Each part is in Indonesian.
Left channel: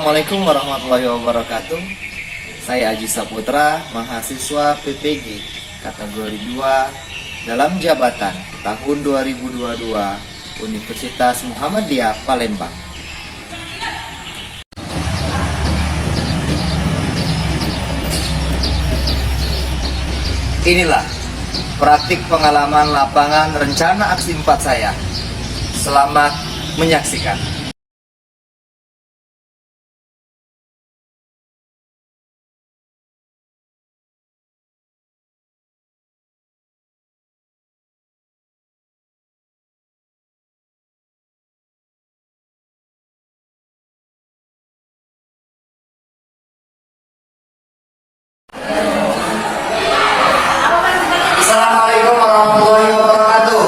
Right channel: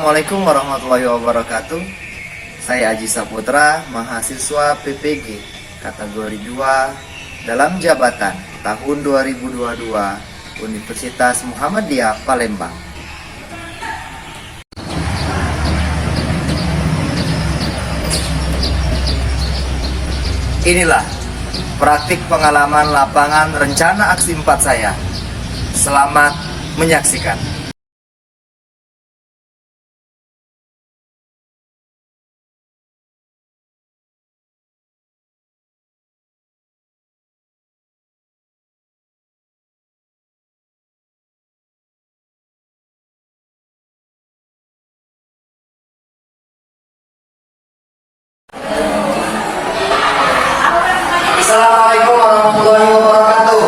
Assalamualaikum warahmatullahi wabarakatuh. Saya Aji Saputra, mahasiswa PPG kategori 2 dalam jabatan tahun 2022 Universitas Muhammadiyah Palembang. Inilah praktik pengalaman lapangan rencana aksi 4 saya. Selamat menyaksikan. Assalamualaikum warahmatullahi wabarakatuh.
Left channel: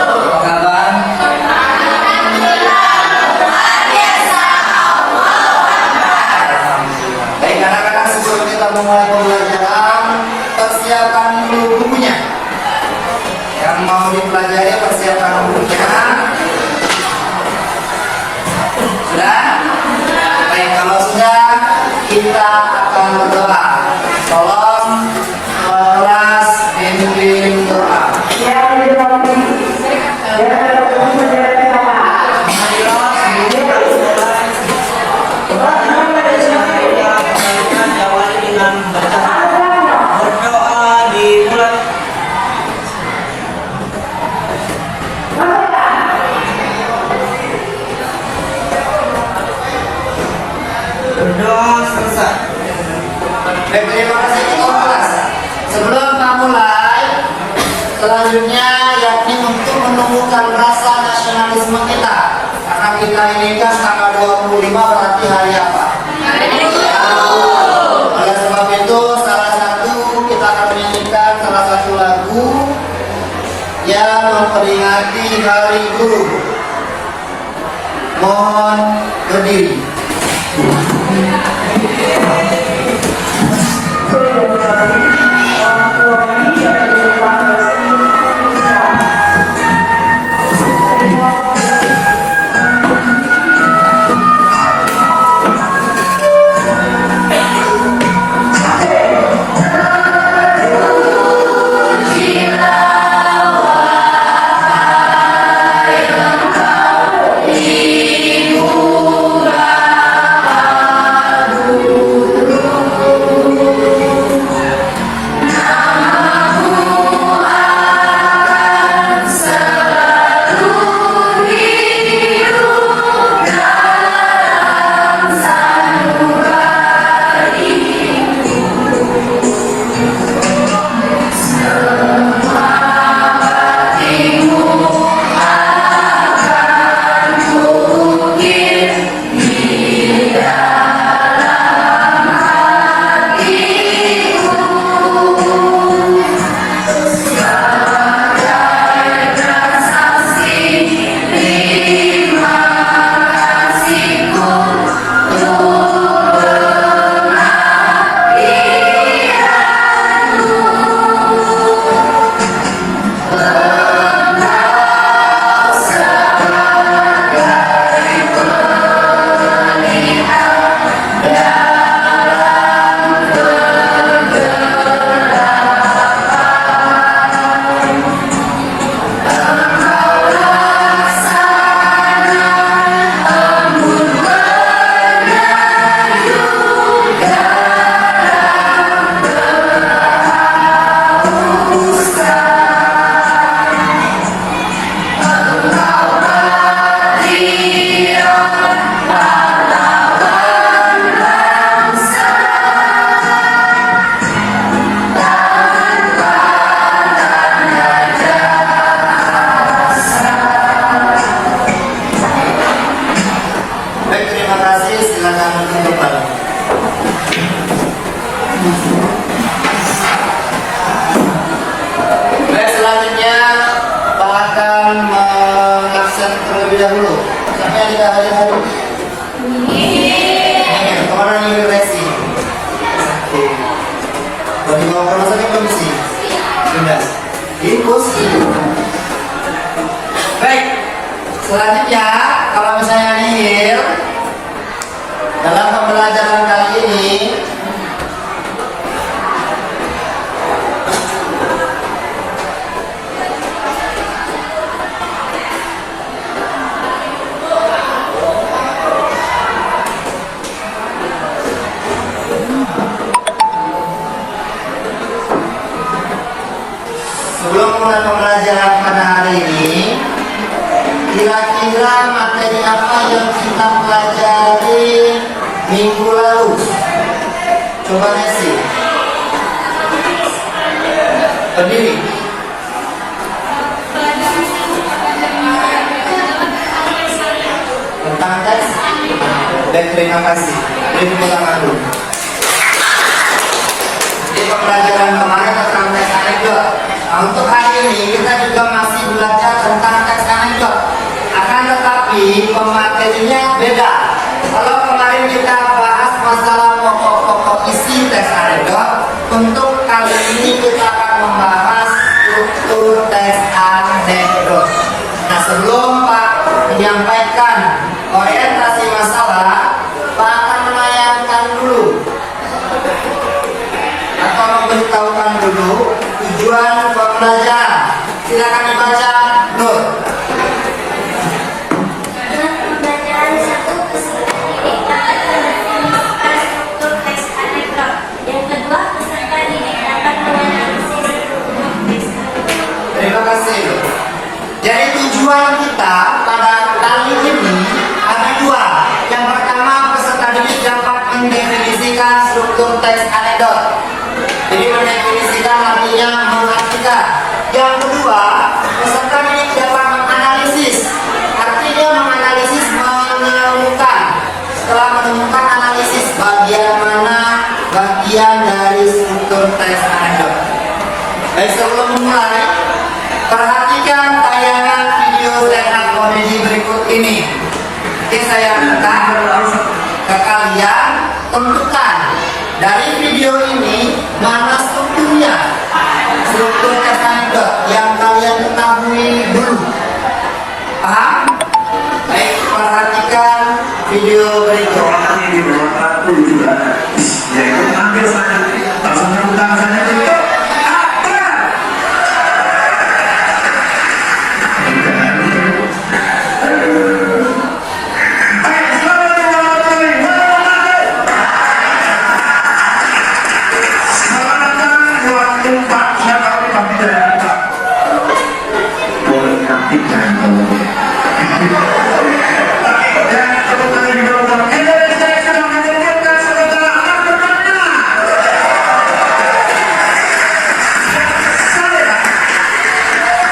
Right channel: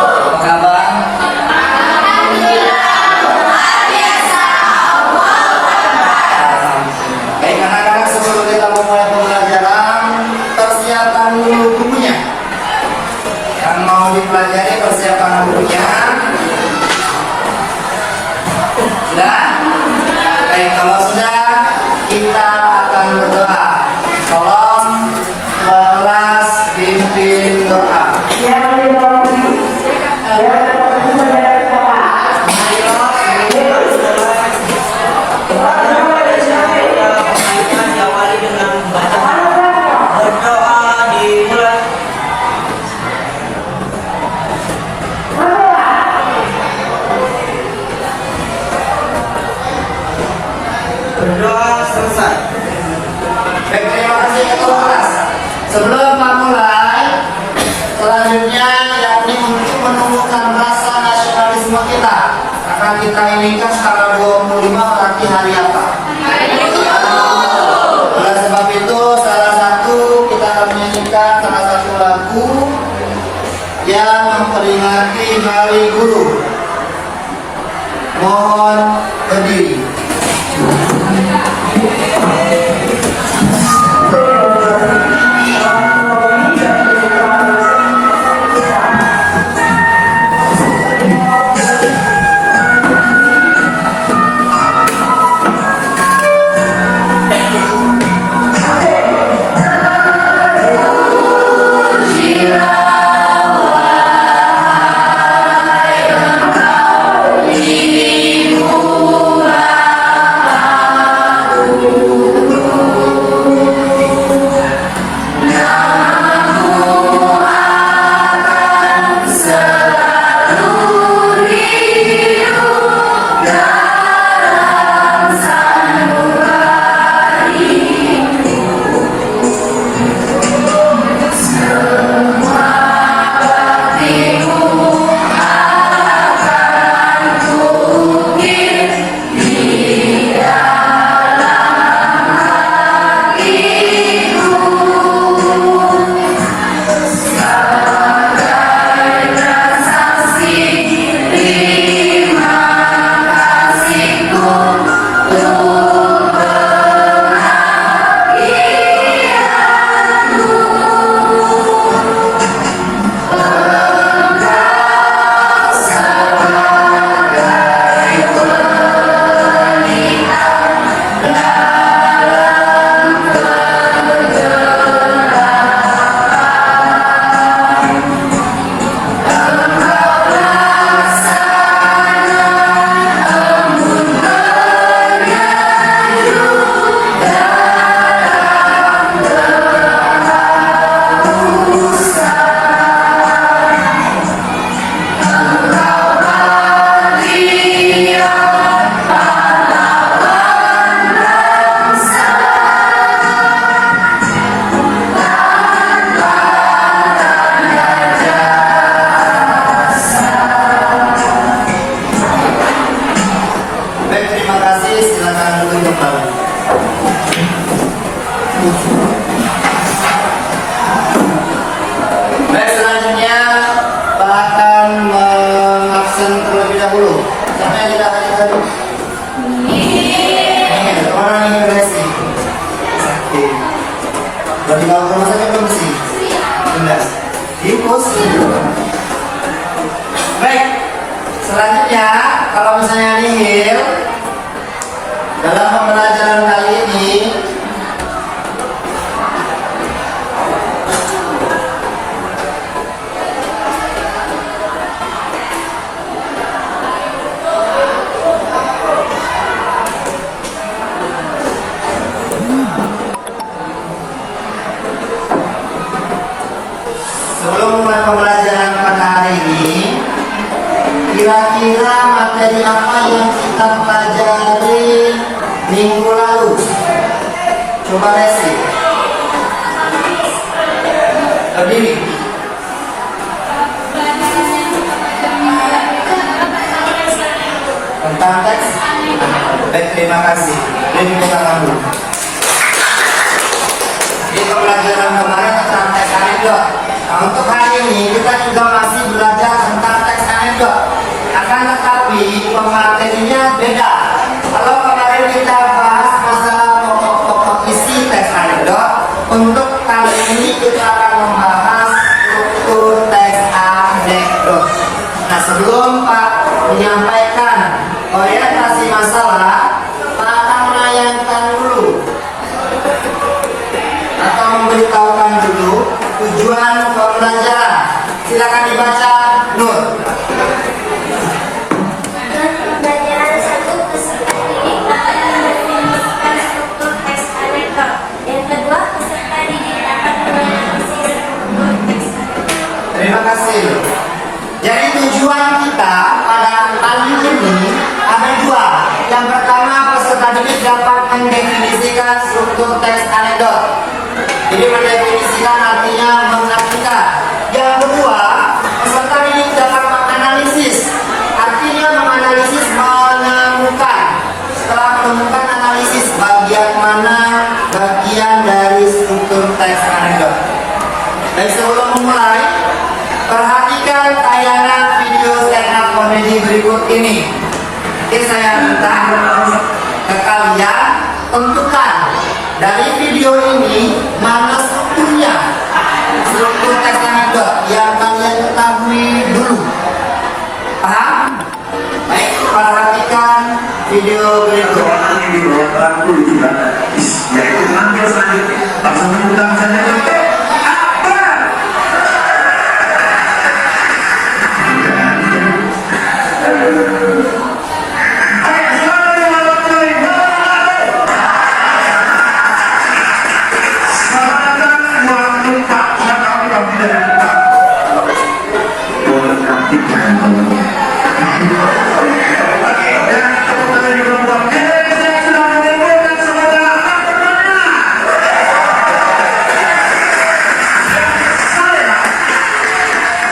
Apa kabar? Baik anak-anak, sebelum kita memulai pembelajaran, persiapan dulu bukunya. Yang mau dipelajari persiapan bukunya. Sudah? Oke, kalau sudah, kita akan berdoa. Tolong kelas pimpin doa. Berdoa selesai. Baik, terima kasih ketua kelas. Sebelum memulai, selanjutnya yakni untuk menumbuhkan rasa nasionalisme kita. Karena kita ini kan tanggal 25 berarti hari apa? Oleh sebab itu, salah satu kita akan menyanyikan salah satu lagu yang memperingati Hari Guru. Mohon berdiri. Baik, selanjutnya Pak akan mengabsen terlebih dahulu. Sampai tidak hadir tadi. Kemarin imigrasi. Sakit. Sudah dibawa ke rumah sakit belum sih? Sudah. Infus. Baik. Selanjutnya, kalau misalnya nihil dalam pembelajaran kali ini sebelum mulai pembelajaran pada hari ini, kira-kira materi apa yang kita pelajari minggu lalu? Coba Messi. Berdiri. Tentang teks. Dan terima kasih. Jadi tangan dulu. Di pembelajaran kemarin tentang teks anekdot. Nah, untuk hari ini kita juga masih belajar tentang teks anekdot. Akan tetapi pematerinya beda. Kalau kemarin kita bahas masalah pokok-pokok isi teks anekdot, untuk kali ini kita akan membahas struktur teks anekdot. Nah, sebelum Pak menyampaikan orientasi masalah, Pak akan menayangkan dulu atau memberitahukan dulu tujuan pembelajaran. Silakan dibaca, Nur. Pembelajaran 1, peserta didik akan mendefinisikan struktur teks anekdot. Yang kedua, peserta didik dapat menganalisis struktur teks anekdot. Terima kasih. Jadi tujuan kita pada kali ini ada dua. Yang pertama, peserta didik dapat mendefinisikan struktur teks anekdot. Jadi mendefinisikan artinya mengartikan. Yang kedua, peserta didik dapat menganalisis. Artinya menganalisis, menemukan. Setelah menemukan, analisis bagian mana bagian dari struktur teks anekdot. Baik, sebelum memulai, perhatikan tayangan video stand up komedi berikut ini. Oke, saya minta ke kalian tentukan dari video ini mana strukturnya, struktur teks anekdot yang kalian ketahui dulu. Paham? Baik, perhatikan video berikut. Ini di bawah 40 juta. Ya, ambil selanjutnya. Langsung utang saja. Apa? Oke, selamat menonton kembali. Selamat datang buat tempat kami dari tempat. Boleh kaki jangan. Dan tepuk tangan juga buat Indonesia yang sudah mendengarkan semoga akan bermanfaat. Saya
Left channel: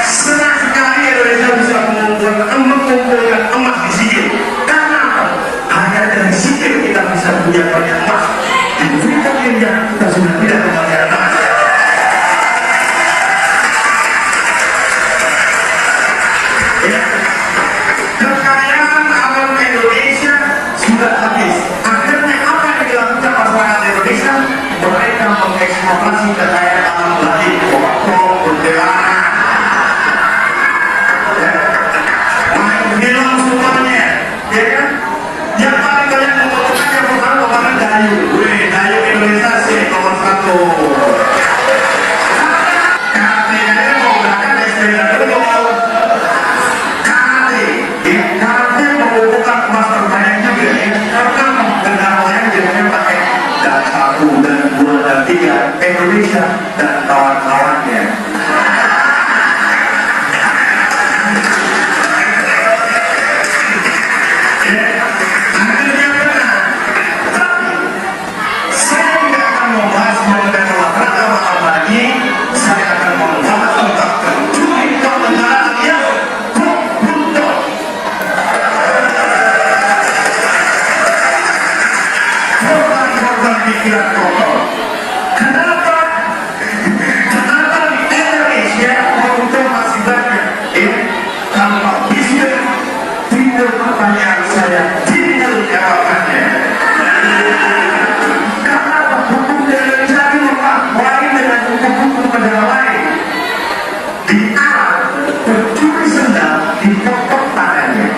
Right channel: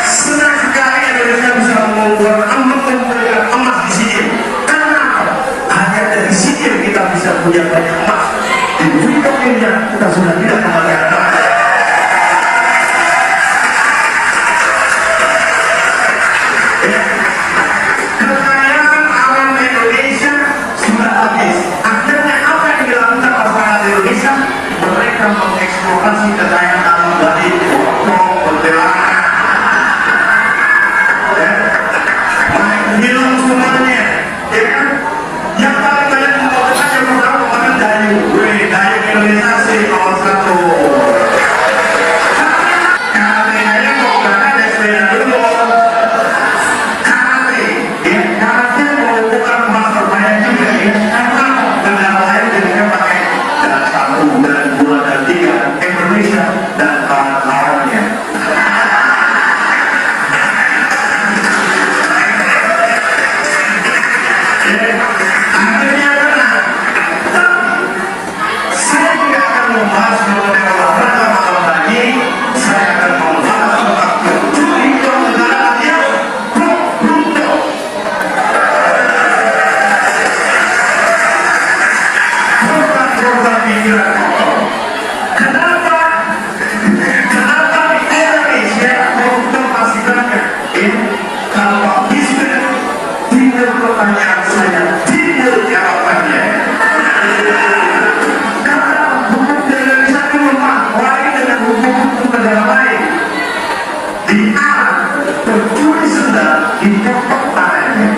senang sekali Indonesia bisa mengumpulkan emas di sini. Karena hanya dari sini kita bisa punya banyak emas. Di berikutnya kita sudah tidak kembali emas. Kekayaan alam Indonesia sudah habis. Akhirnya apa yang dilakukan masyarakat Indonesia? Mereka mengeksploitasi kekayaan alam tadi, pokok, kuntilanak, main film semuanya. Ya kan? Yang paling banyak membutuhkan yang pertama kemarin Dayu. Dayu Indonesia sih nomor 1. Karena mau berangkat SPN dulu. Indonesia dan kawan-kawannya. Akhirnya benar. Saya tidak akan membahas mengenai olahraga malam lagi. Saya akan membahas tentang pencuri kenegaraan yang beruntung. Program pikiran kotor. Kenapa di Indonesia untuk masih banyak? Tanpa bisa timbul pertanyaan saya, timbul jawabannya. Kenapa hukum Indonesia itu lemah? Lain dengan hukum-hukum negara lain. Di A, pencuri sendal dipotong tangannya.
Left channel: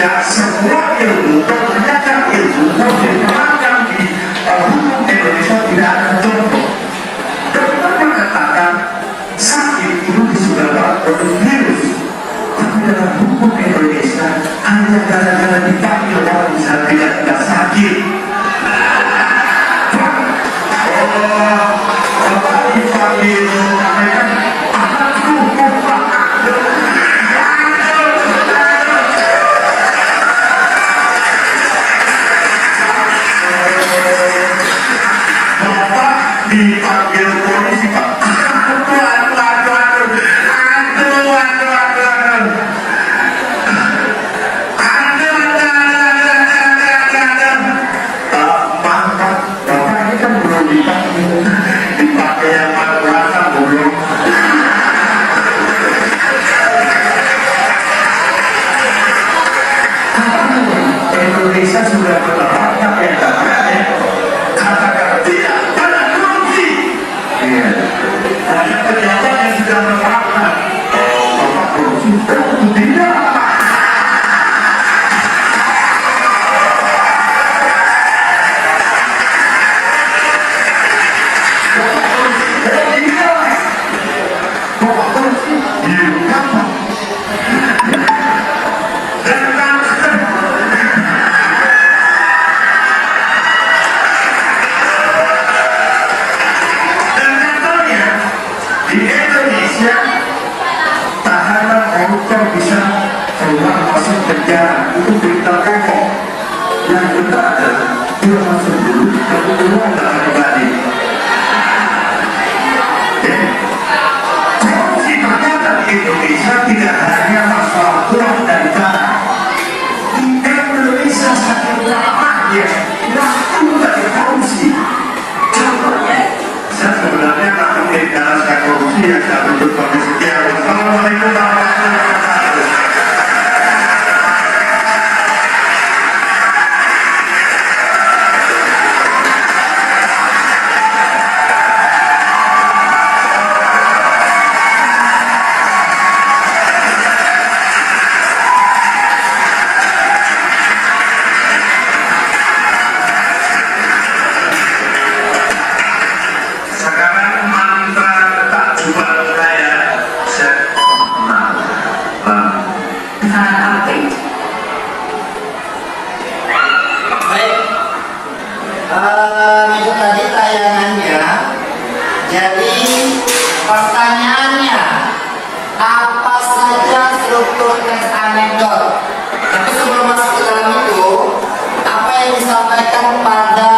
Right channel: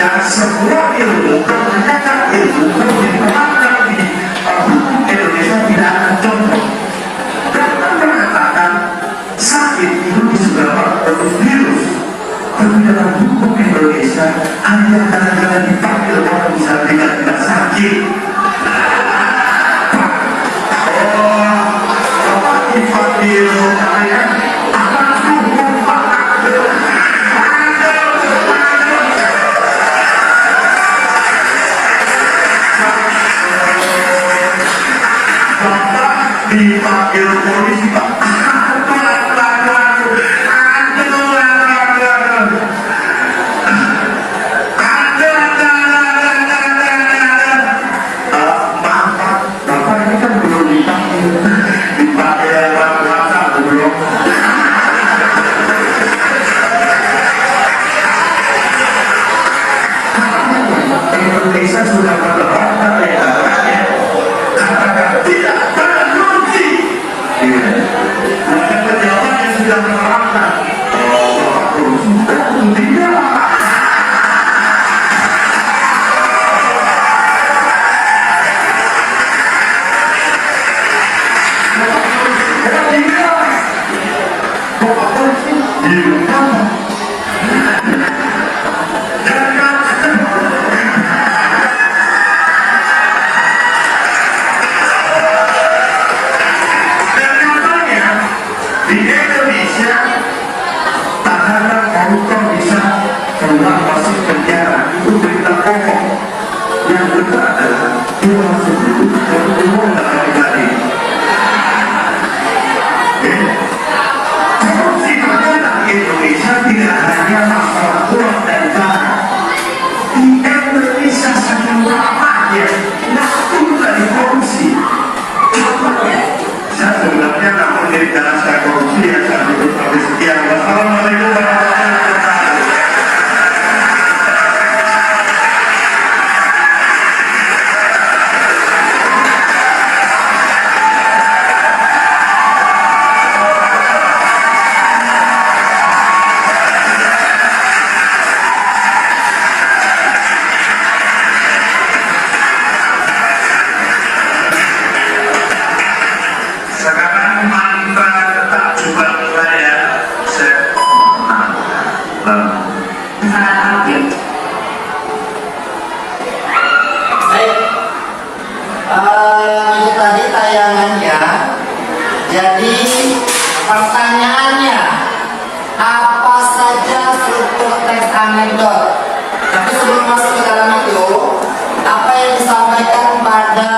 Indonesia semua ilmu ternyata ilmu yang diterapkan di hukum Indonesia tidak akan contoh. Dokter mengatakan sakit itu disebabkan oleh virus, tapi dalam hukum Indonesia hanya gara-gara dipanggil orang bisa tidak sakit. Bapak dipanggil menyampaikan anak hukum Bapak. Dipanggil polisi Pak. Bapak ini kan belum dipanggil, dipakai yang macam-macam belum. Indonesia sudah menerapkan ya, katakan tidak pada korupsi. Iya. Ada pejabat yang sudah menerapkan bapak korupsi. Tidak. Bapak korupsi. Iya. Di Indonesia tahanan koruptor bisa keluar masuk penjara, itu berita pokok. Yang kedua adalah dia masuk dulu dan keluar dengan pribadi. Korupsi makanan di Indonesia tidak hanya masalah uang dan barang. Di Indonesia saking ramahnya waktu dari korupsi. Coba saya sebenarnya karena saya korupsi ya saya tutup sampai sekian. Wassalamualaikum warahmatullahi wabarakatuh. Sekarang mantra tak coba saya Baik, itu tadi tayangannya. Jadi pertanyaannya, apa saja struktur teks anekdot? Tapi sebelum masuk ke dalam itu, apa yang disampaikan pada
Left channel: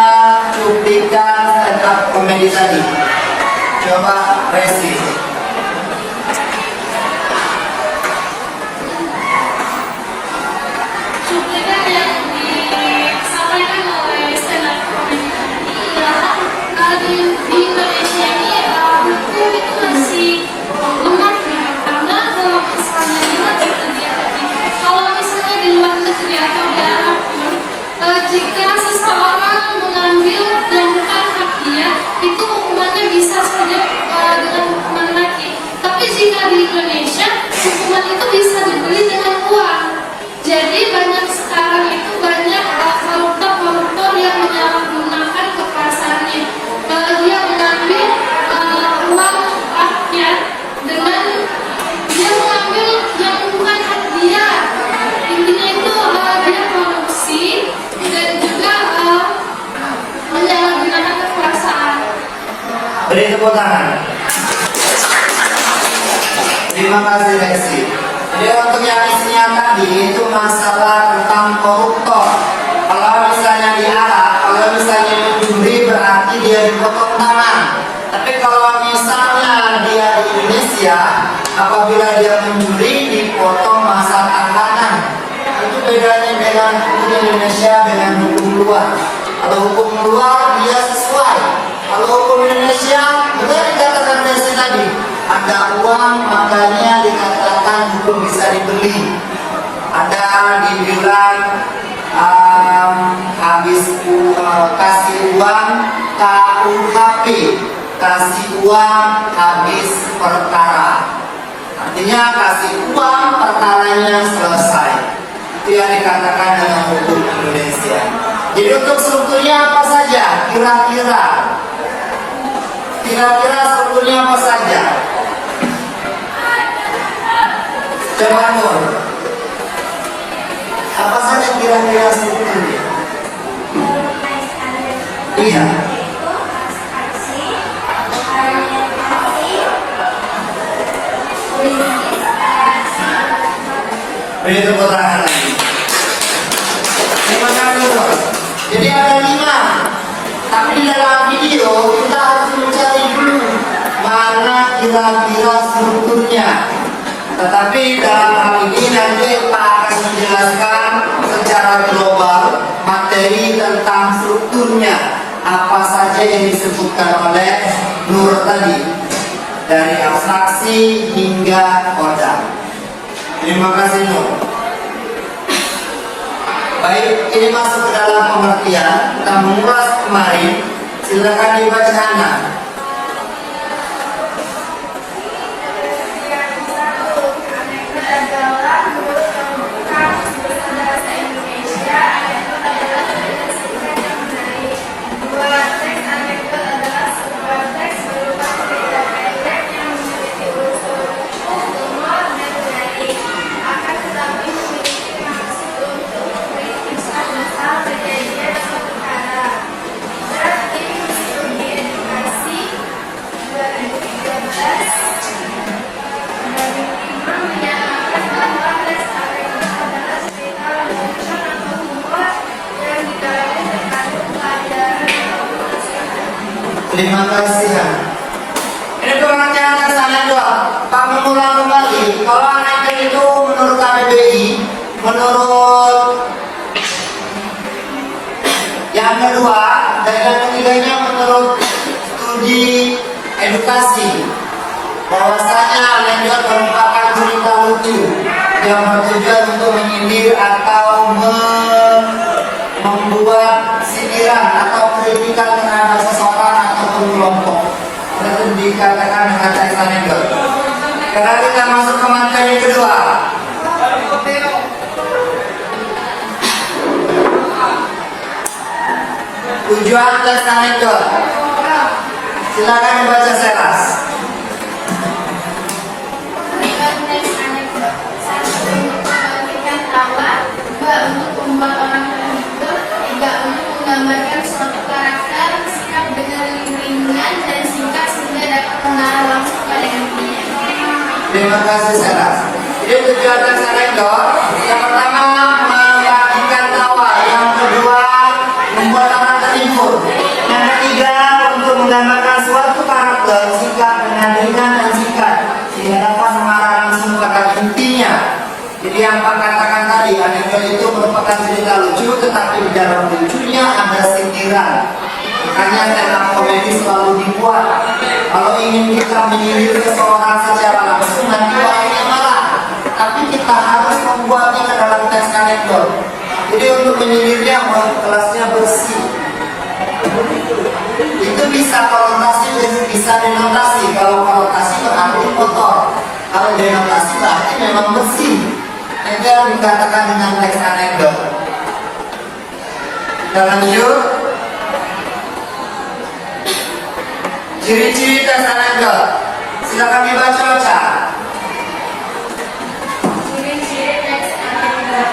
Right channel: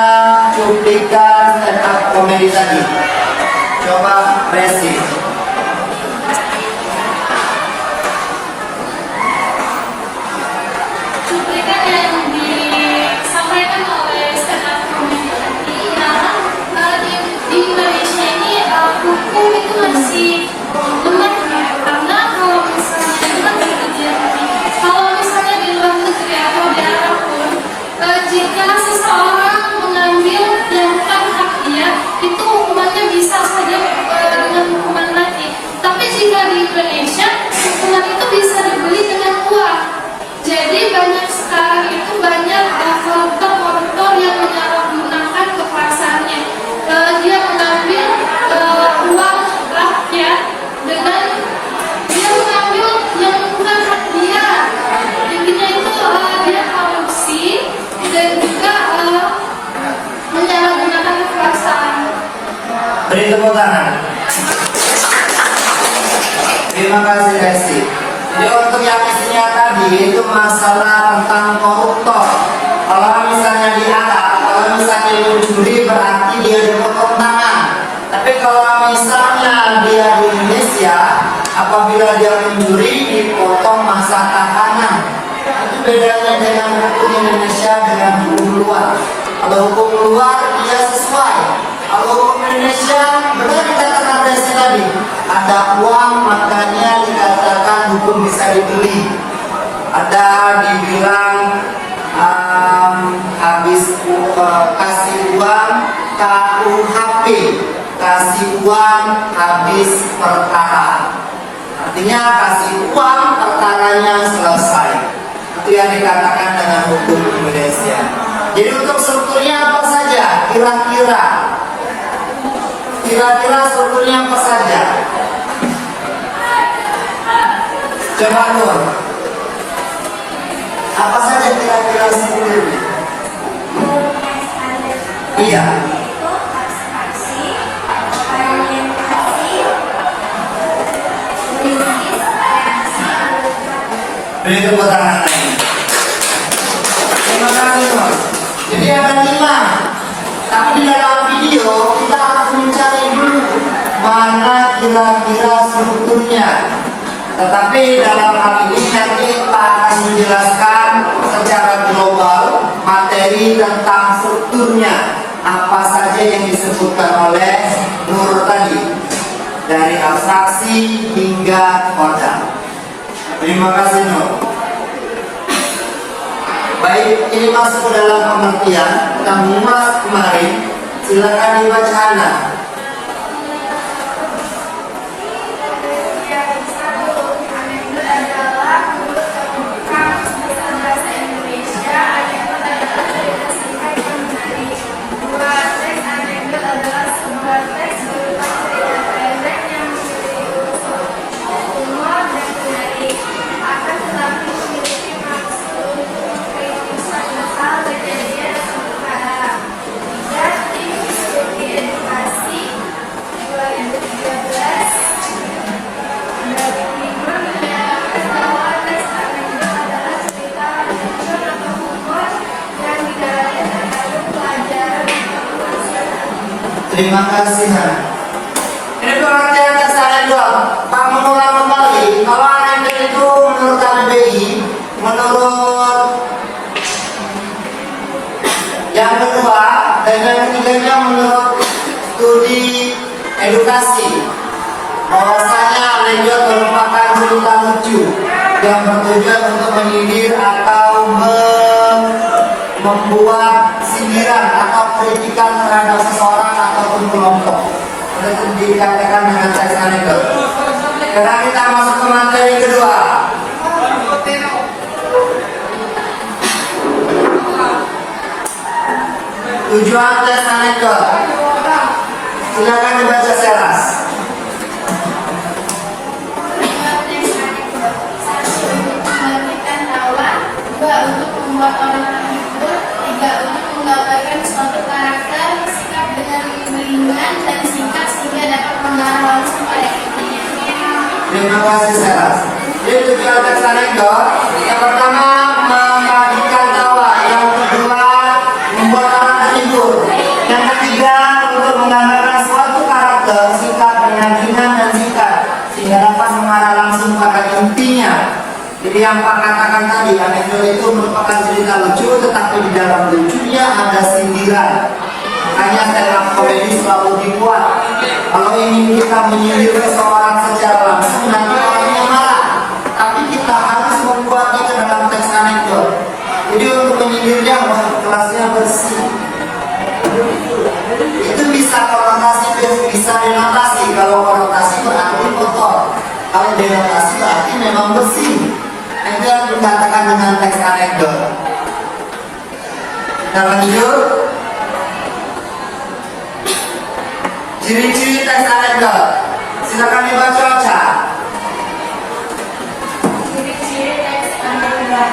cuplikan stand up komedi tadi? Coba Resi. Cuplikan yang disampaikan oleh stand up comedy tadi ya, di Indonesia ini hukum itu masih lemah ya, karena kalau misalnya di luar negeri, kalau misalnya di luar negeri atau di Arab, jika seseorang mengambil yang bukan hak dia, itu hukumannya bisa saja dengan hukuman mati. Tapi jika di Indonesia, hukuman itu bisa dibeli dengan uang. Jadi banyak sekarang itu banyak koruptor yang menyalahgunakan kekuasaannya. Dia mengambil uang rakyat dengan dia mengambil yang bukan hak dia. Intinya itu dia korupsi dan juga menyalahgunakan kekuasaan. Beri tepuk tangan. Terima kasih Resi. Ini untuk yang isinya tadi itu masalah tentang koruptor. Kalau misalnya di Arab, kalau misalnya mencuri berarti dia dipotong tangan. Tapi kalau misalnya dia di Indonesia, apabila dia mencuri dipotong masa tahanan. Itu bedanya dengan hukum Indonesia dengan hukum luar. Kalau hukum luar dia sesuai. Kalau hukum Indonesia, benar dikatakan Resi tadi, ada uang makanya dikatakan hukum bisa dibeli. Ada dibilang habis kasih uang KUHP, kasih uang habis perkara. Artinya kasih uang perkaranya selesai. Itu yang dikatakan Jadi untuk strukturnya apa saja? Kira-kira strukturnya apa saja? Coba Nur. Apa saja kira-kira strukturnya? Iya. Beri tepuk tangan lagi. Terima kasih Nur. Jadi ada 5. Tapi di dalam video kita harus mencari dulu mana kira-kira strukturnya. Tetapi dalam hal ini nanti Pak akan menjelaskan secara global materi tentang strukturnya. Apa saja yang disebutkan oleh Nur tadi, dari abstraksi hingga kodam. Terima kasih Nur. Baik, ini masuk ke dalam pengertian. Kita mengulas kemarin. Silakan dibaca Hana. Terima kasih Hana. Ini pengertian dasar anekdot. Pak mengulang kembali. Kalau anekdot itu menurut KBBI, menurut yang kedua dan yang ketiganya menurut studi edukasi, bahwasanya anekdot merupakan cerita lucu yang bertujuan untuk menyindir atau membuat sindiran atau kritikan terhadap seseorang ataupun kelompok. Itu dikatakan dengan teks anekdot. Karena kita masuk ke materi kedua. Tujuan teks anekdot. Silakan dibaca Seras. Untuk membuat orang terhibur, 3 untuk menggambarkan suatu karakter sikap dengan ringan dan singkat sehingga dapat mengarah langsung pada intinya. Terima kasih Seras. Jadi tujuan teks anekdot yang pertama membagikan tawa, yang kedua membuat orang terhibur, yang ketiga untuk menggambarkan suatu karakter sikap dengan ringan dan singkat sehingga dapat mengarah langsung pada intinya. Jadi yang Pak katakan tadi, anekdot itu merupakan cerita lucu, tetapi di dalam lucunya ada sindiran. Makanya stand up comedy selalu dibuat. Kalau ingin kita menyindir seseorang secara langsung, nanti orangnya marah. Tapi kita harus membuatnya ke dalam teks anekdot. Jadi untuk menyindirnya, kerasnya bersih. Itu bisa konotasi, bisa denotasi. Kalau konotasi berarti kotor. Kalau denotasi berarti memang bersih. Itu yang dikatakan dengan teks anekdot. Kita lanjut. Ciri-ciri teks anekdot. Silakan dibaca Ocha. Ciri-ciri teks anekdot:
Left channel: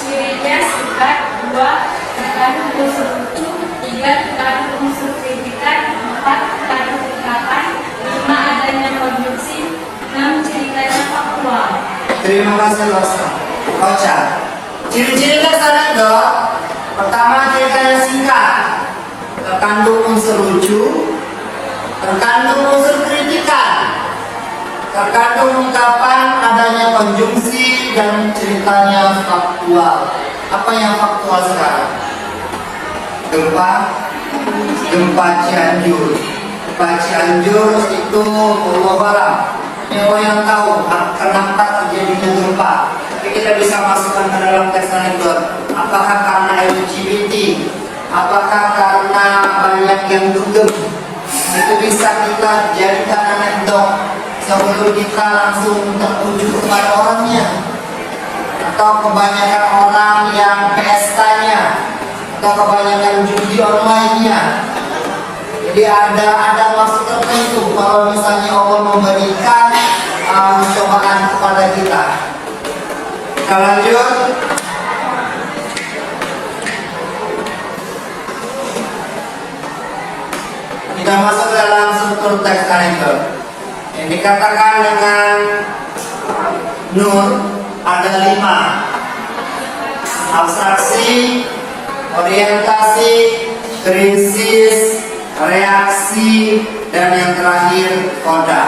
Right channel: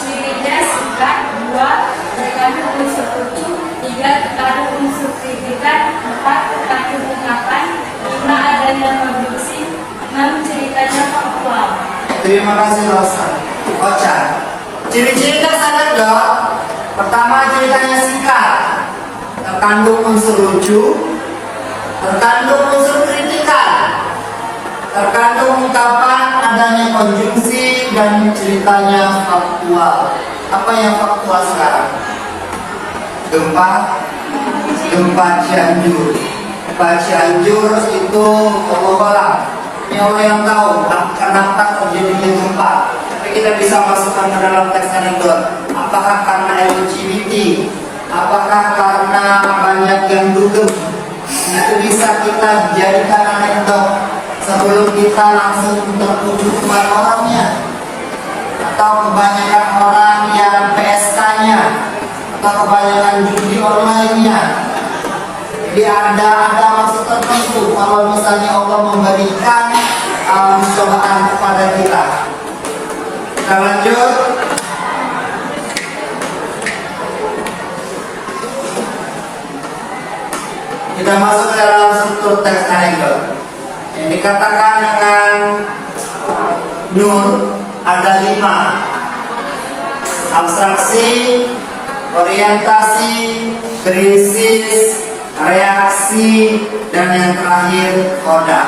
1. Cirinya singkat. 2. Terkandung unsur lucu. 3. Terkandung unsur kritikan. 4. Terkandung ungkapan. 5. Adanya konstruksi. 6. Ceritanya faktual. Terima kasih Rosa. Ocha. Ciri-ciri teks anekdot. Pertama, ceritanya singkat, terkandung unsur lucu, terkandung unsur kritikan, terkandung ungkapan, adanya konjungsi, dan ceritanya faktual. Apa yang faktual sekarang? Gempa Cianjur. Gempa Cianjur itu Allah nyawa yang tahu kenapa terjadinya gempa. Tapi kita bisa masukkan ke dalam teks anekdot. Apakah karena LGBT? Apakah karena banyak yang dugem? Itu bisa kita jadikan anekdot sebelum kita langsung tertuju dengan orangnya. Atau kebanyakan orang yang PSK-nya permainan judi online-nya. Jadi ada maksud tertentu kalau misalnya Allah memberikan cobaan kepada kita. Kita lanjut. Kita masuk ke dalam struktur teks artikel. Yang dikatakan dengan Nur ada 5: abstraksi, orientasi, krisis, reaksi, dan yang terakhir koda.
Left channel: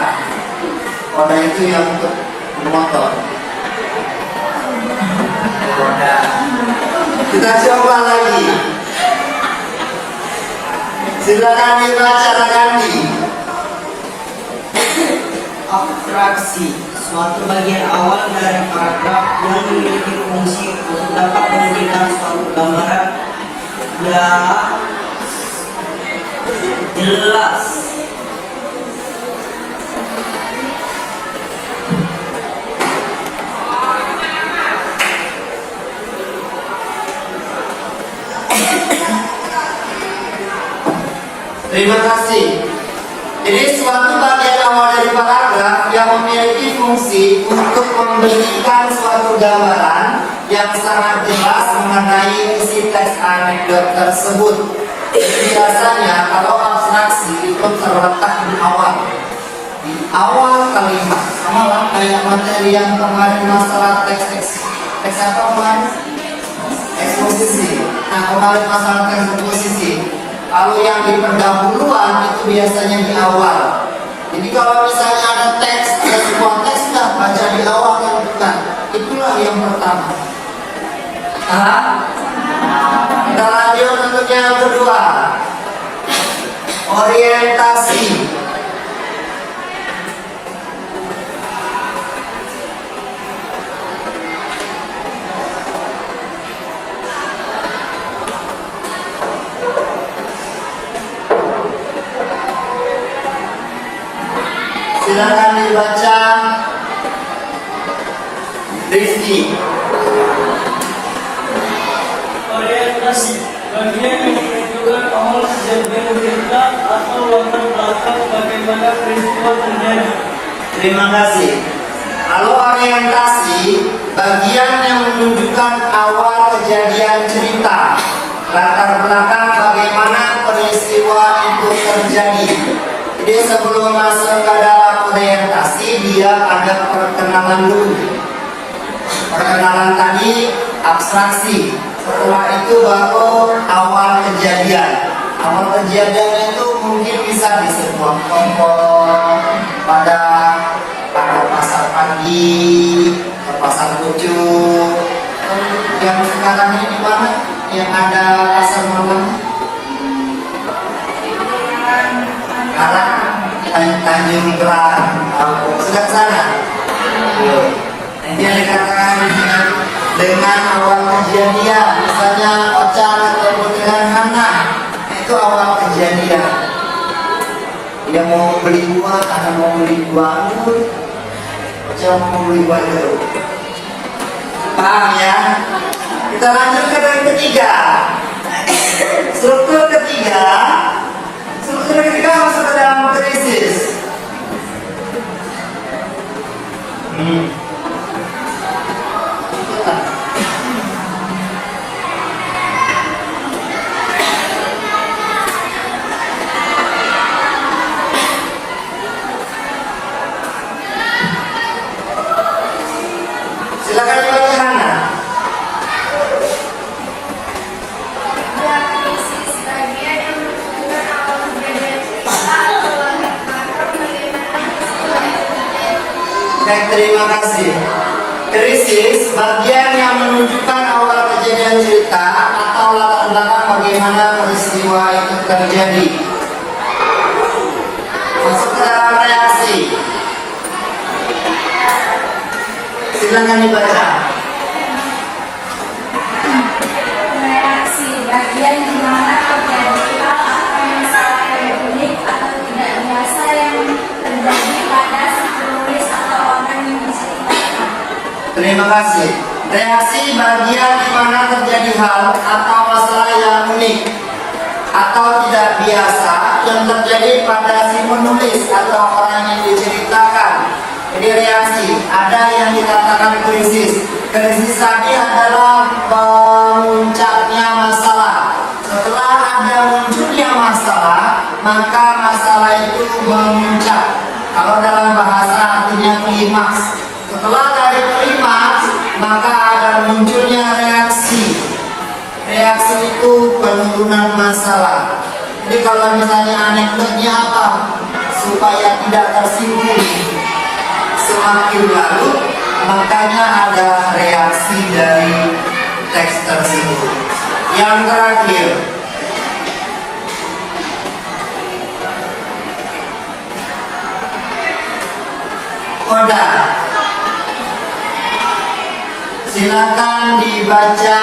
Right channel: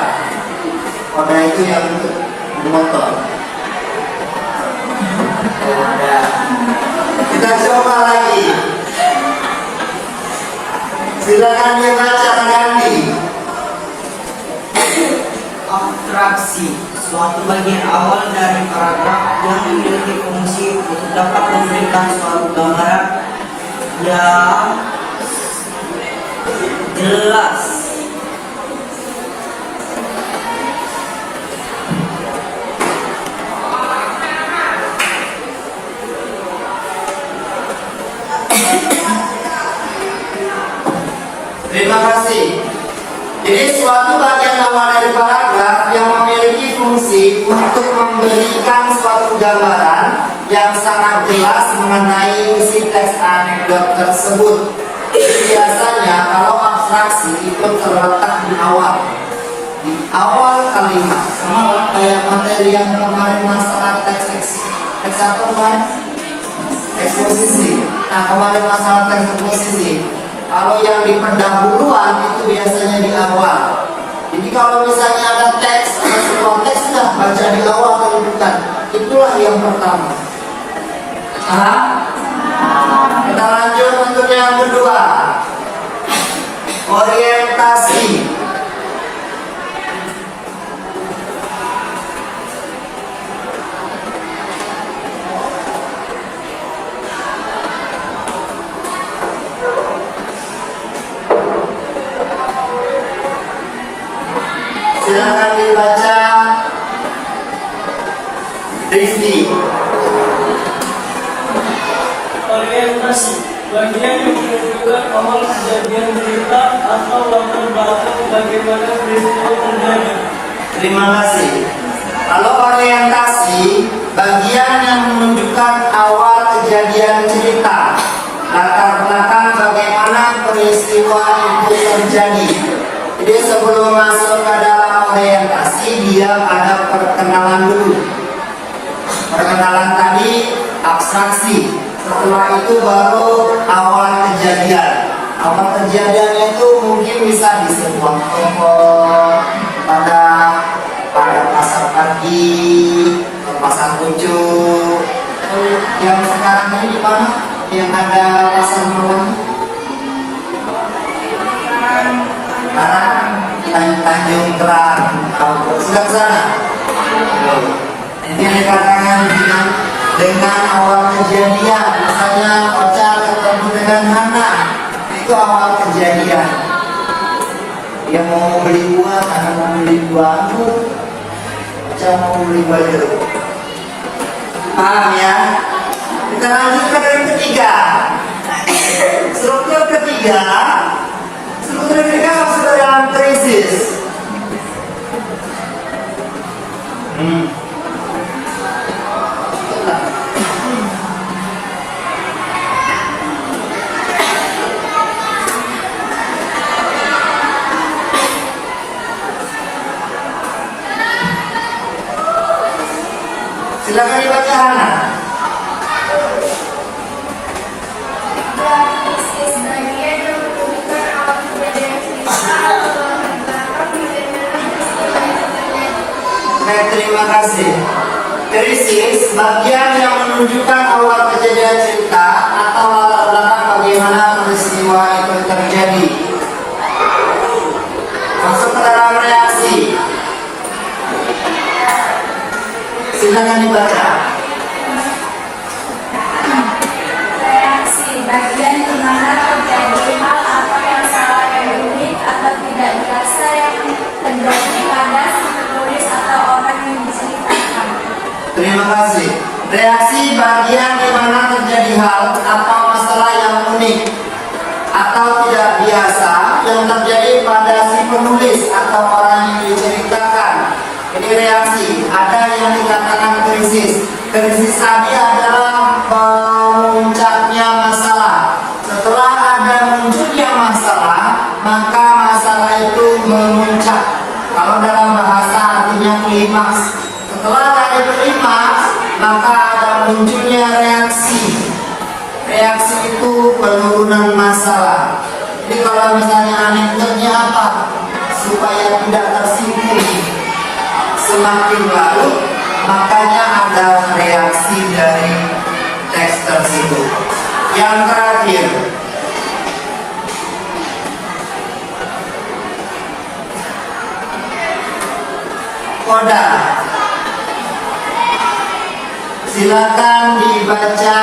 Koda itu yang untuk motor. Koda. Kita coba lagi. Silakan dibaca ganti. Abstraksi, suatu bagian awal dari paragraf yang memiliki fungsi untuk dapat memberikan suatu gambaran yang jelas. Terima kasih. Jadi suatu bagian awal dari paragraf yang memiliki fungsi untuk memberikan suatu gambaran yang sangat jelas mengenai isi teks anekdot tersebut. Biasanya kalau abstraksi itu terletak di awal kalimat, sama kayak materi yang kemarin masalah teks apa kemarin? Eksposisi. Nah, kemarin masalah teks eksposisi. Kalau yang di pendahuluan itu biasanya di awal. Jadi kalau misalnya ada teks, ada sebuah teks sudah baca di awal kan bukan. Itulah yang pertama. Nah, kita lanjut untuk yang kedua. Orientasi. Silakan dibaca. Rizky. Orientasi, bagian yang menunjukkan awal kejadian cerita atau latar belakang bagaimana peristiwa terjadi. Terima kasih. Kalau orientasi, bagian yang menunjukkan awal kejadian cerita, latar belakang bagaimana peristiwa itu terjadi. Jadi sebelum masuk ke dalam orientasi, dia ada perkenalan dulu. Perkenalan tadi abstraksi. Setelah itu baru awal kejadian. Awal kejadian itu mungkin bisa di sebuah toko, pada pasar pagi, pasar pucuk. Yang sekarang ini di mana? Yang ada pasar malam? Sekarang Tanjung Berat. Sudah ke sana? Ini yang dikatakan dengan awal kejadian, misalnya pacar atau dengan Hana, itu awal kejadian. Dia mau beli buah, karena mau beli buah itu, pacar mau beli buah itu. Paham ya? Kita lanjut ke yang ketiga. Struktur ketiga masuk ke dalam krisis. Silakan dibaca Hana. Krisis, bagian yang menunjukkan awal kejadian cerita atau latar belakang bagaimana peristiwa itu terjadi. Baik, terima kasih. Krisis, bagian yang menunjukkan awal kejadian cerita atau latar belakang bagaimana peristiwa itu terjadi. Masuk ke dalam reaksi. Silakan dibaca. Reaksi, bagian di mana terjadi hal atau masalah yang unik atau tidak biasa yang terjadi pada si penulis atau orang yang diceritakan. Terima kasih. Reaksi, bagian di mana terjadi hal atau masalah yang unik atau tidak biasa yang terjadi pada si penulis atau orang yang diceritakan. Jadi reaksi, ada yang dikatakan krisis. Krisis tadi adalah puncaknya masalah. Setelah ada munculnya masalah, maka masalah itu memuncak. Kalau dalam bahasa artinya klimaks. Setelah ada klimaks, maka ada munculnya reaksi. Reaksi itu penurunan masalah. Jadi kalau misalnya anekdotnya apa? Supaya tidak tersinggung semakin larut, makanya ada reaksi dari teks tersebut. Yang terakhir, koda. Silakan dibaca.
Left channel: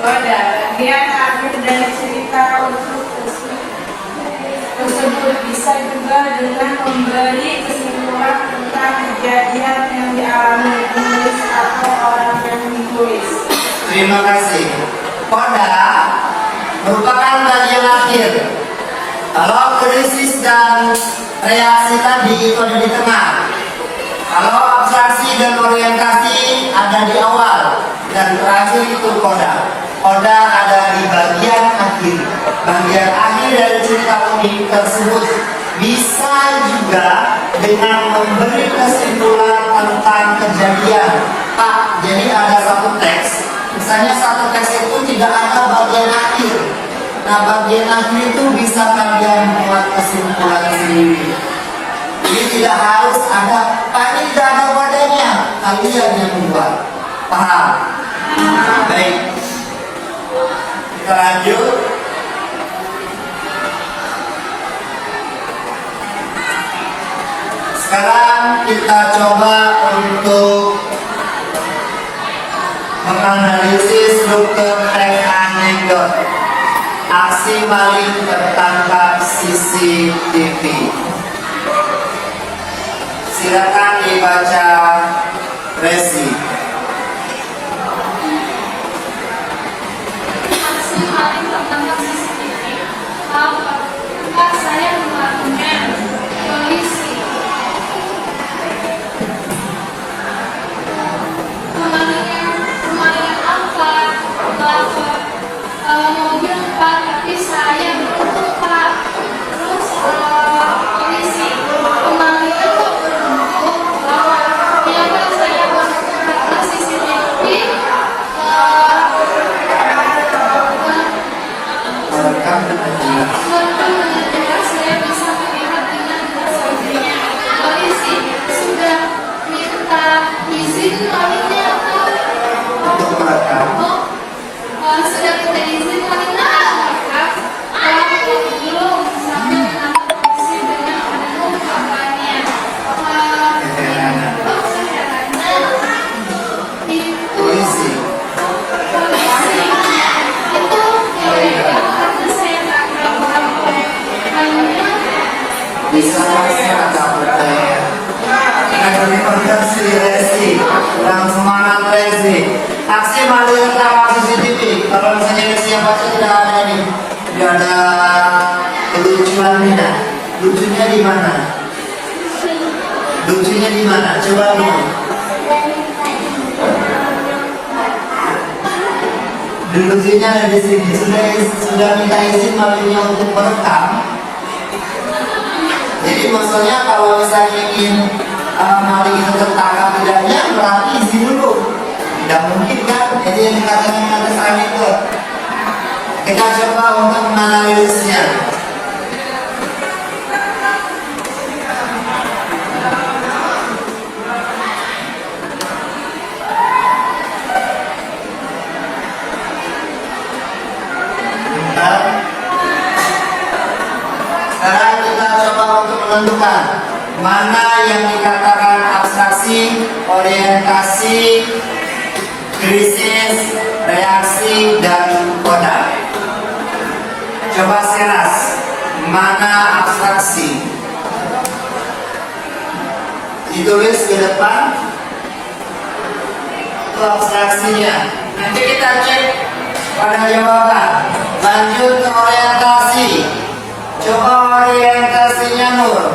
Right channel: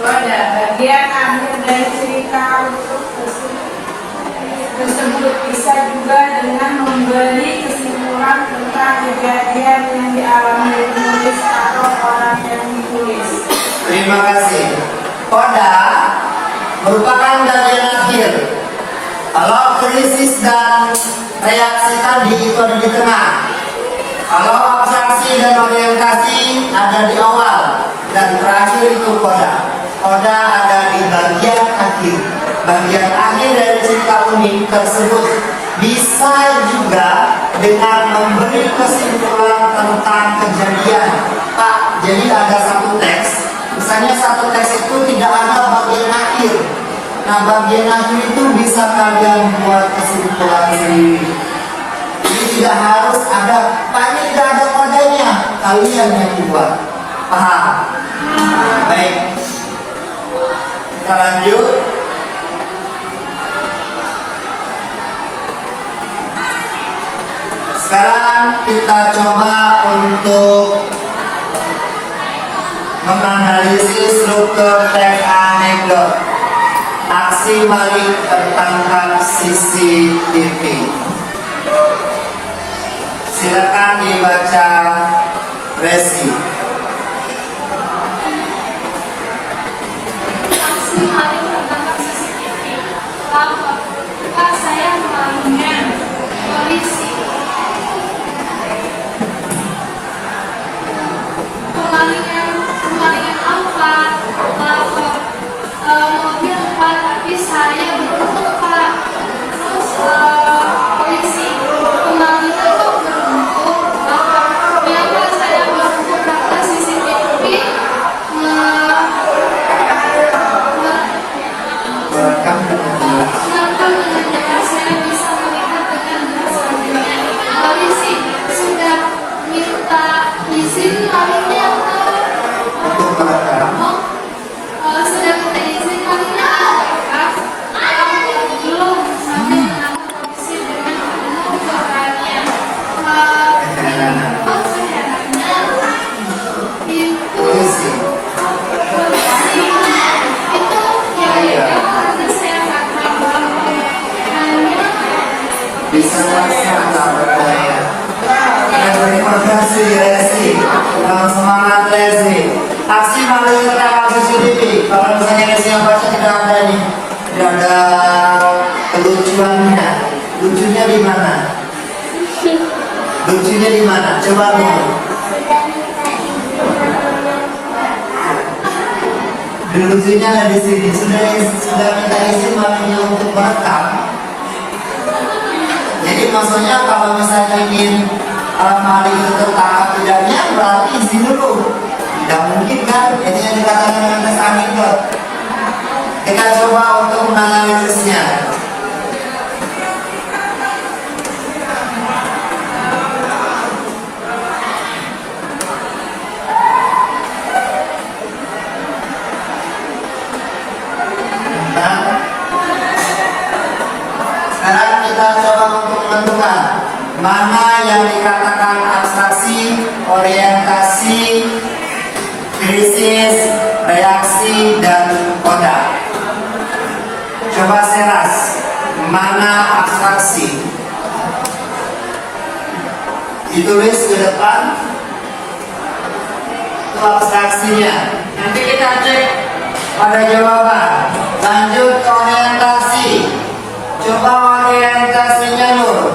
Koda, bagian akhir dari cerita untuk tersebut bisa juga dengan memberi kesimpulan tentang kejadian yang dialami penulis atau orang yang ditulis. Terima kasih. Koda merupakan bagian akhir. Kalau krisis dan reaksi tadi itu ada di tengah. Kalau abstraksi dan orientasi ada di awal, dan terakhir itu koda. Koda ada di bagian akhir. Bagian akhir dari cerita unik tersebut bisa juga dengan memberi kesimpulan tentang kejadian. Pak, jadi ada satu teks. Misalnya satu teks itu tidak ada bagian akhir. Nah, bagian akhir itu bisa kalian buat kesimpulan sendiri. Jadi tidak harus ada, Pak ini tidak ada kodanya. Kalian yang buat. Paham? Baik. Kita lanjut. Sekarang kita coba untuk menganalisis struktur teks anekdot. Aksi maling tertangkap CCTV. Silakan dibaca Resi. Aksi maling tertangkap CCTV. Apakah saya kemarinnya polisi? Kemalingan apa? Mobil Pak, tapi saya beruntung Pak. Terus polisi kemalingan kok beruntung bahwa ternyata saya beruntung karena CCTV Welcome to the saya bisa melihat dengan jelas mobilnya. Polisi sudah minta izin malingnya untuk merekam. sudah minta izin malingnya apakah belum sampai menangkap polisi dengan penuh keberanian. Saya nanya itu Polisi. itu yang karena saya akan hanya Bisa melaksanakan berdaya. Terima kasih Resi. Dan semangat Resi. Aksi maling tertangkap CCTV. Kalau misalnya Resi yang baca tidak ada ini, tidak ada kelucuannya. Lucunya di mana? Lucunya di mana? Coba dulu. Lucunya ada di sini. Sudah minta izin malingnya untuk merekam. Jadi maksudnya kalau misalnya ingin maling itu tertangkap tidaknya berarti izin dulu. Tidak mungkin kan? Itu yang dikatakan dengan tes anekdot. Kita coba untuk menganalisisnya. Bentar. Sekarang kita coba untuk menentukan mana yang dikatakan abstraksi, orientasi, krisis, reaksi, dan koda. Coba Seras, mana abstraksi? Ditulis ke depan. Itu abstraksinya. Nanti kita cek pada jawaban. Lanjut ke orientasi. Coba orientasinya Nur.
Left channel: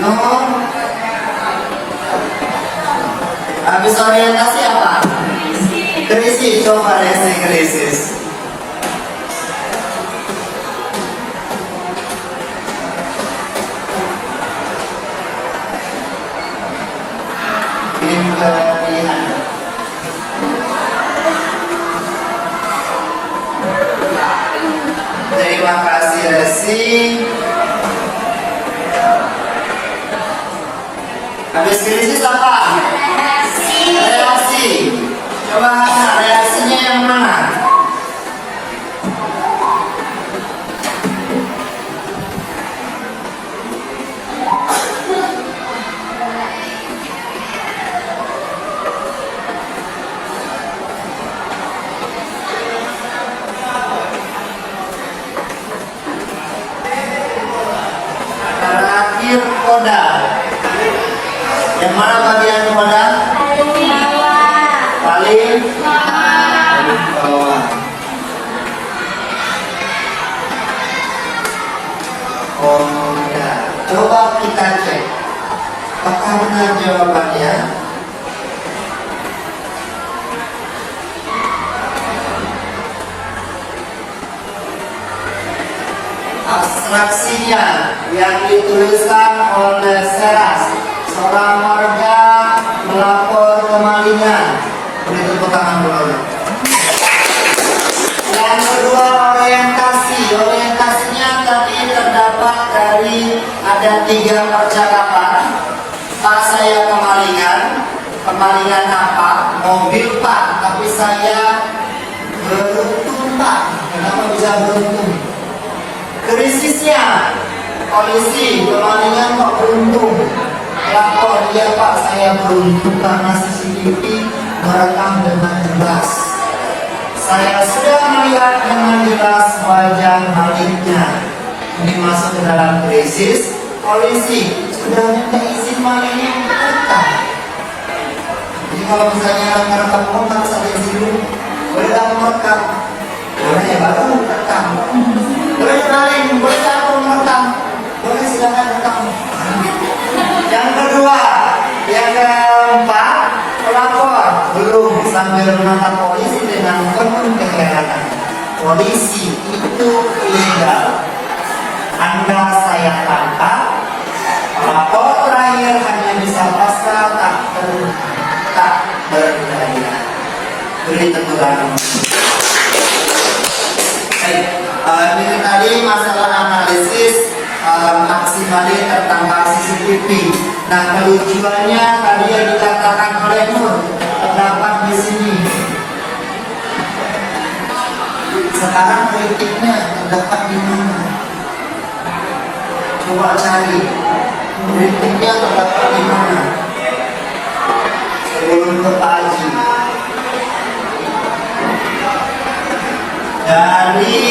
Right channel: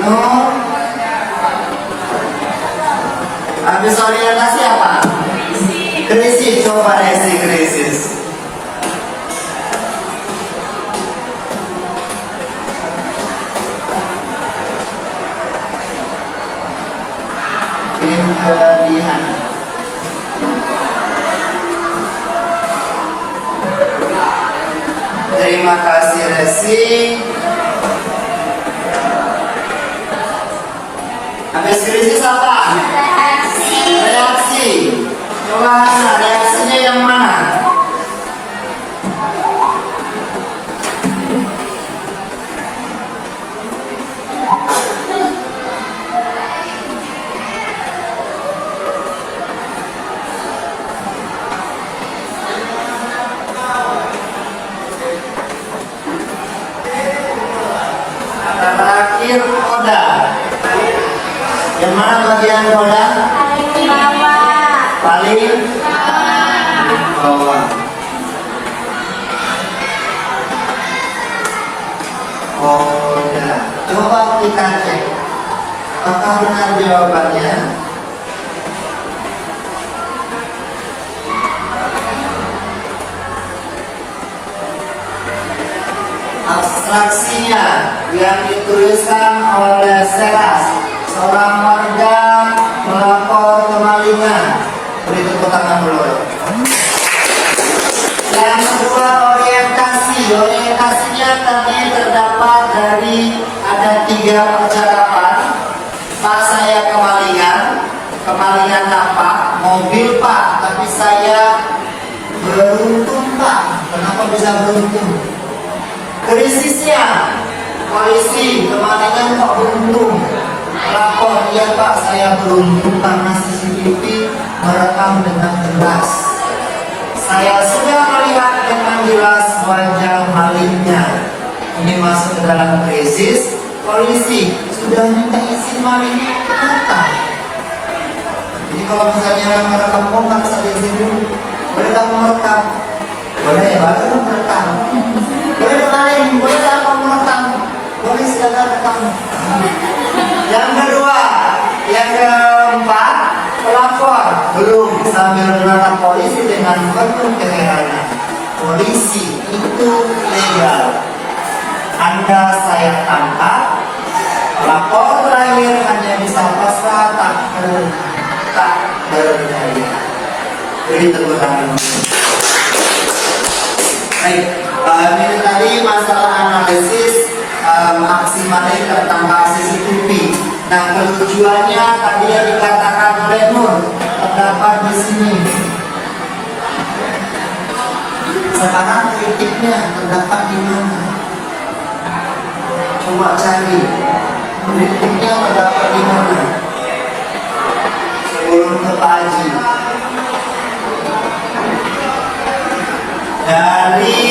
Nur. Habis orientasi apa? Krisis. Coba resi krisis. Kelebihan. Terima kasih Resi. Habis krisis apa? Reaksi. Coba reaksinya yang mana? Terakhir koda. Yang mana bagian koda? Paling bawah. Paling bawah. Koda. Coba kita cek. Apakah benar jawabannya? Abstraksinya yang dituliskan oleh Seras, seorang warga melapor kemalingan. Beri tepuk tangan dulu. Yang kedua orientasi. Orientasinya tadi terdapat dari ada 3 percakapan. Pak, saya kemalingan. Kemalingan apa? Mobil Pak, tapi saya beruntung Pak. Kenapa bisa beruntung? Krisisnya, polisi kemalingan kok beruntung. Lapor, iya Pak, saya beruntung karena CCTV merekam dengan jelas. Saya sudah melihat dengan jelas wajah malingnya. Ini masuk ke dalam krisis. Polisi sudah minta izin malingnya untuk datang. Jadi kalau misalnya merekam kontak saya izin dulu. Boleh tak merekam? Boleh ya, baru merekam. Boleh maling, boleh tak merekam? Boleh, silakan rekam. Yang kedua, yang keempat, pelapor belum sambil menatap polisi dengan penuh keheranan. Polisi itu ilegal. Anda saya tangkap. Lapor terakhir hanya bisa pasrah tak berdaya. Ini tentu kami. Baik, ini tadi masalah analisis maksimalnya tertambah CCTV. Nah, kelucuannya tadi yang dikatakan oleh Nur terdapat di sini. Sekarang kritiknya terdapat di mana? Coba cari. Kritiknya terdapat di mana? Sebelum ke Pak Haji. Dari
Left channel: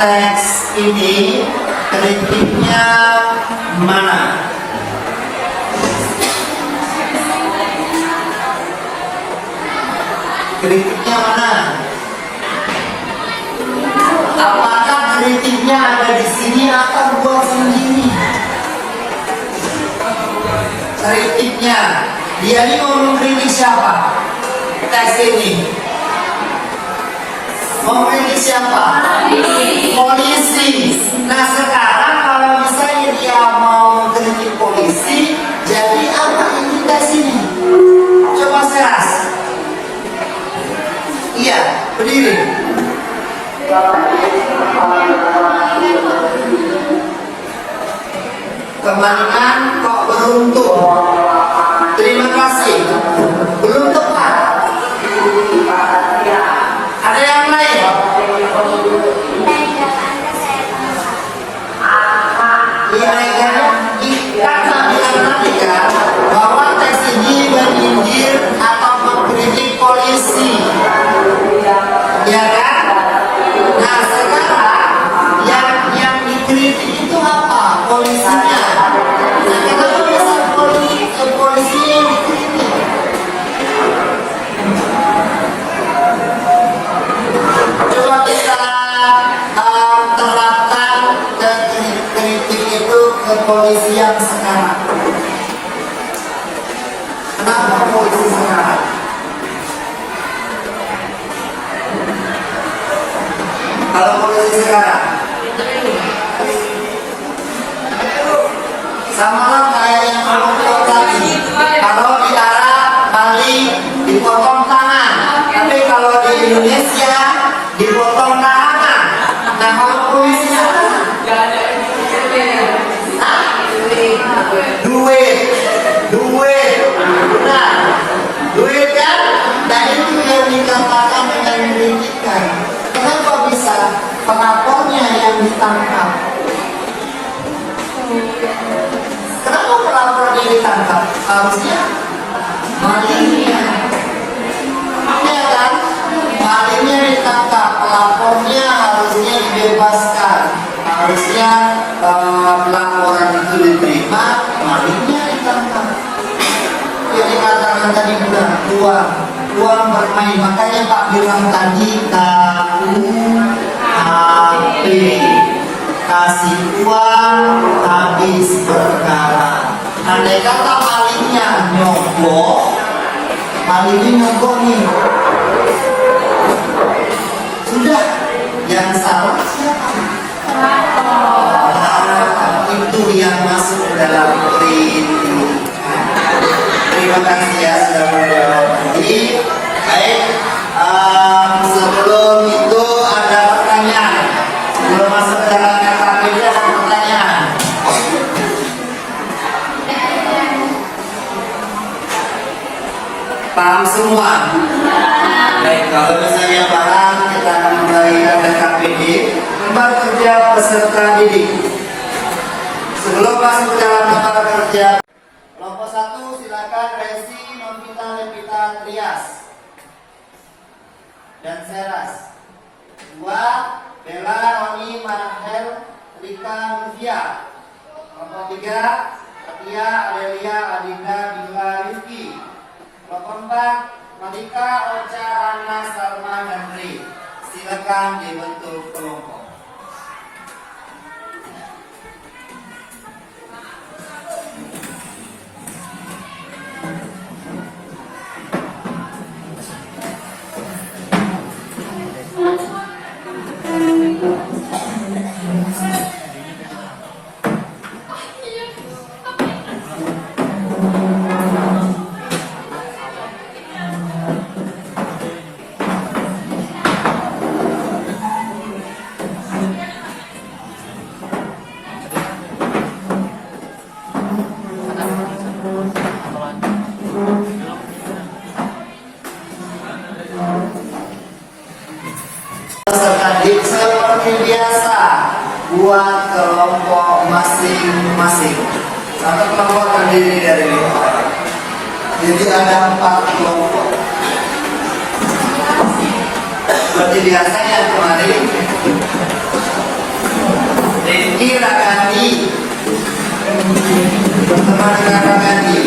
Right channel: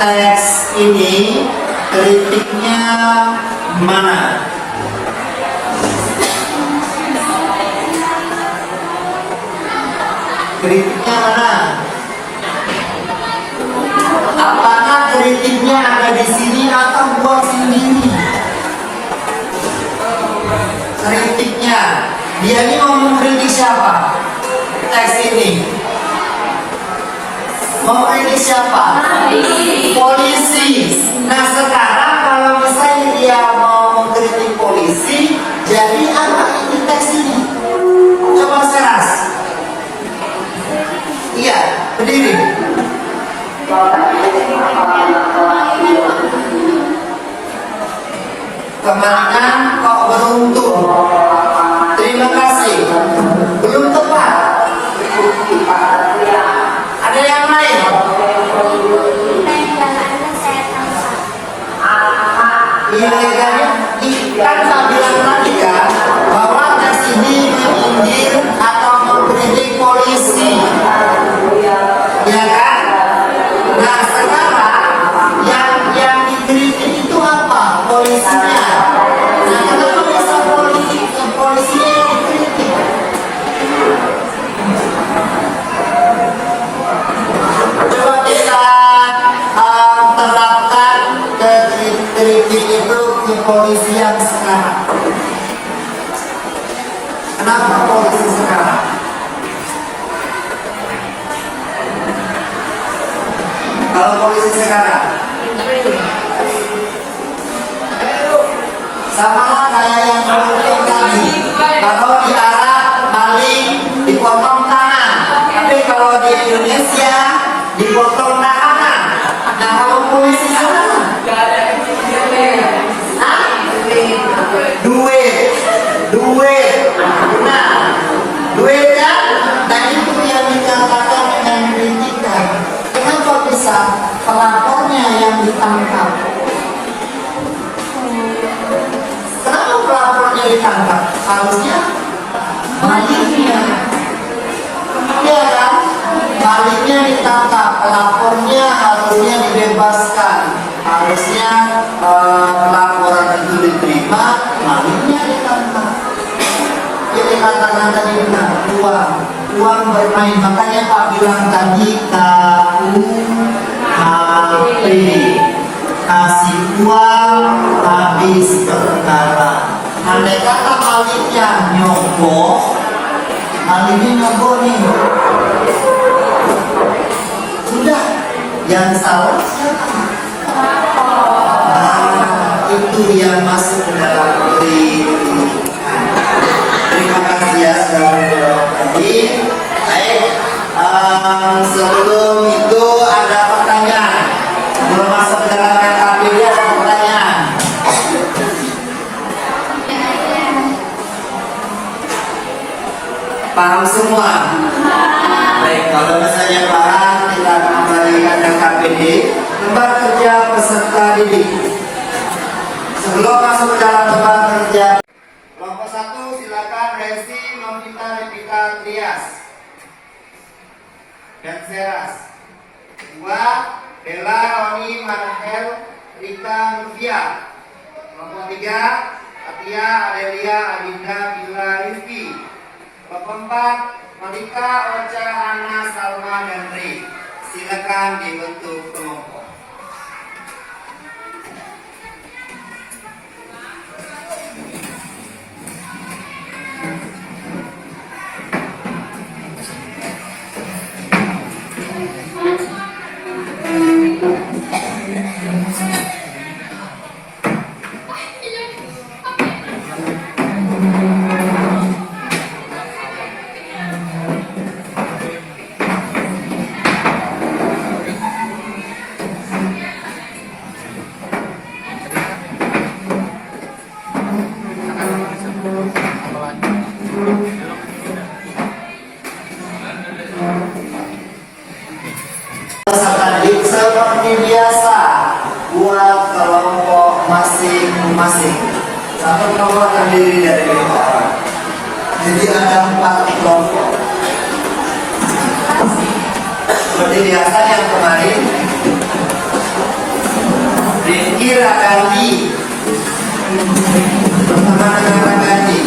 teks ini kritiknya mana? Kritiknya mana? Apakah kritiknya ada di sini atau buat sendiri? Kritiknya, dia ini mau mengkritik siapa? Teks ini mau mengkritik siapa? Polisi. Nah, sekarang kalau misalnya dia mau mengkritik polisi, jadi apa ini teks ini? Coba Seras. Iya, berdiri. Kemalingan kok beruntung. Terima kasih. Belum tepat. Ada yang lain? Dan dapatkan saya tangkap. Ilegalnya kan polisi yang sekarang? Kenapa polisi sekarang? Kalau polisi sekarang sama lah kayak yang menuntut tadi. Kalau di Arab maling dipotong tangan, tapi kalau di Indonesia dipotong tangan. Nah kalau polisi sekarang duit, benar, duit kan? Dan itu yang dikatakan dengan kritikan. Kenapa bisa pelapornya yang ditangkap? Kenapa pelapornya ditangkap? Harusnya malingnya, ya kan? Malingnya ditangkap, pelapornya harusnya dibebaskan. Harusnya pelaporan itu diterima, malingnya ditangkap. Jadi katakan tadi benar, uang bermain. Makanya Pak bilang tadi KUHP, kasih uang habis berkala. Andai kata malingnya nyogok, nih, sudah yang salah siapa? Itu yang masuk ke dalam kritikan. Terima kasih ya sudah menjawab tadi. Baik, sebelum itu ada pertanyaan. Sebelum masuk ke dalam KKP ada pertanyaan. Paham semua? Baik, kalau misalnya paham, kita akan memberikan KKPD, lembar kerja peserta didik. Sebelum masuk ke dalam lembar kerja, kelompok 1 silakan Resi Novita Levita Trias dan Seras. 2 Bella Roni Marhel Rika Nuvia. Kelompok 3 Atia Adelia Adinda Bila Rizki. Kelompok 4 Malika Ocha Hana Salma Henry. Silakan dibentuk kelompok. Seperti biasa buat kelompok masing-masing. Satu kelompok terdiri dari 5 orang. Jadi ada 4 kelompok. Seperti biasa yang kemarin, Rizky Radandi bersama dengan Radandi.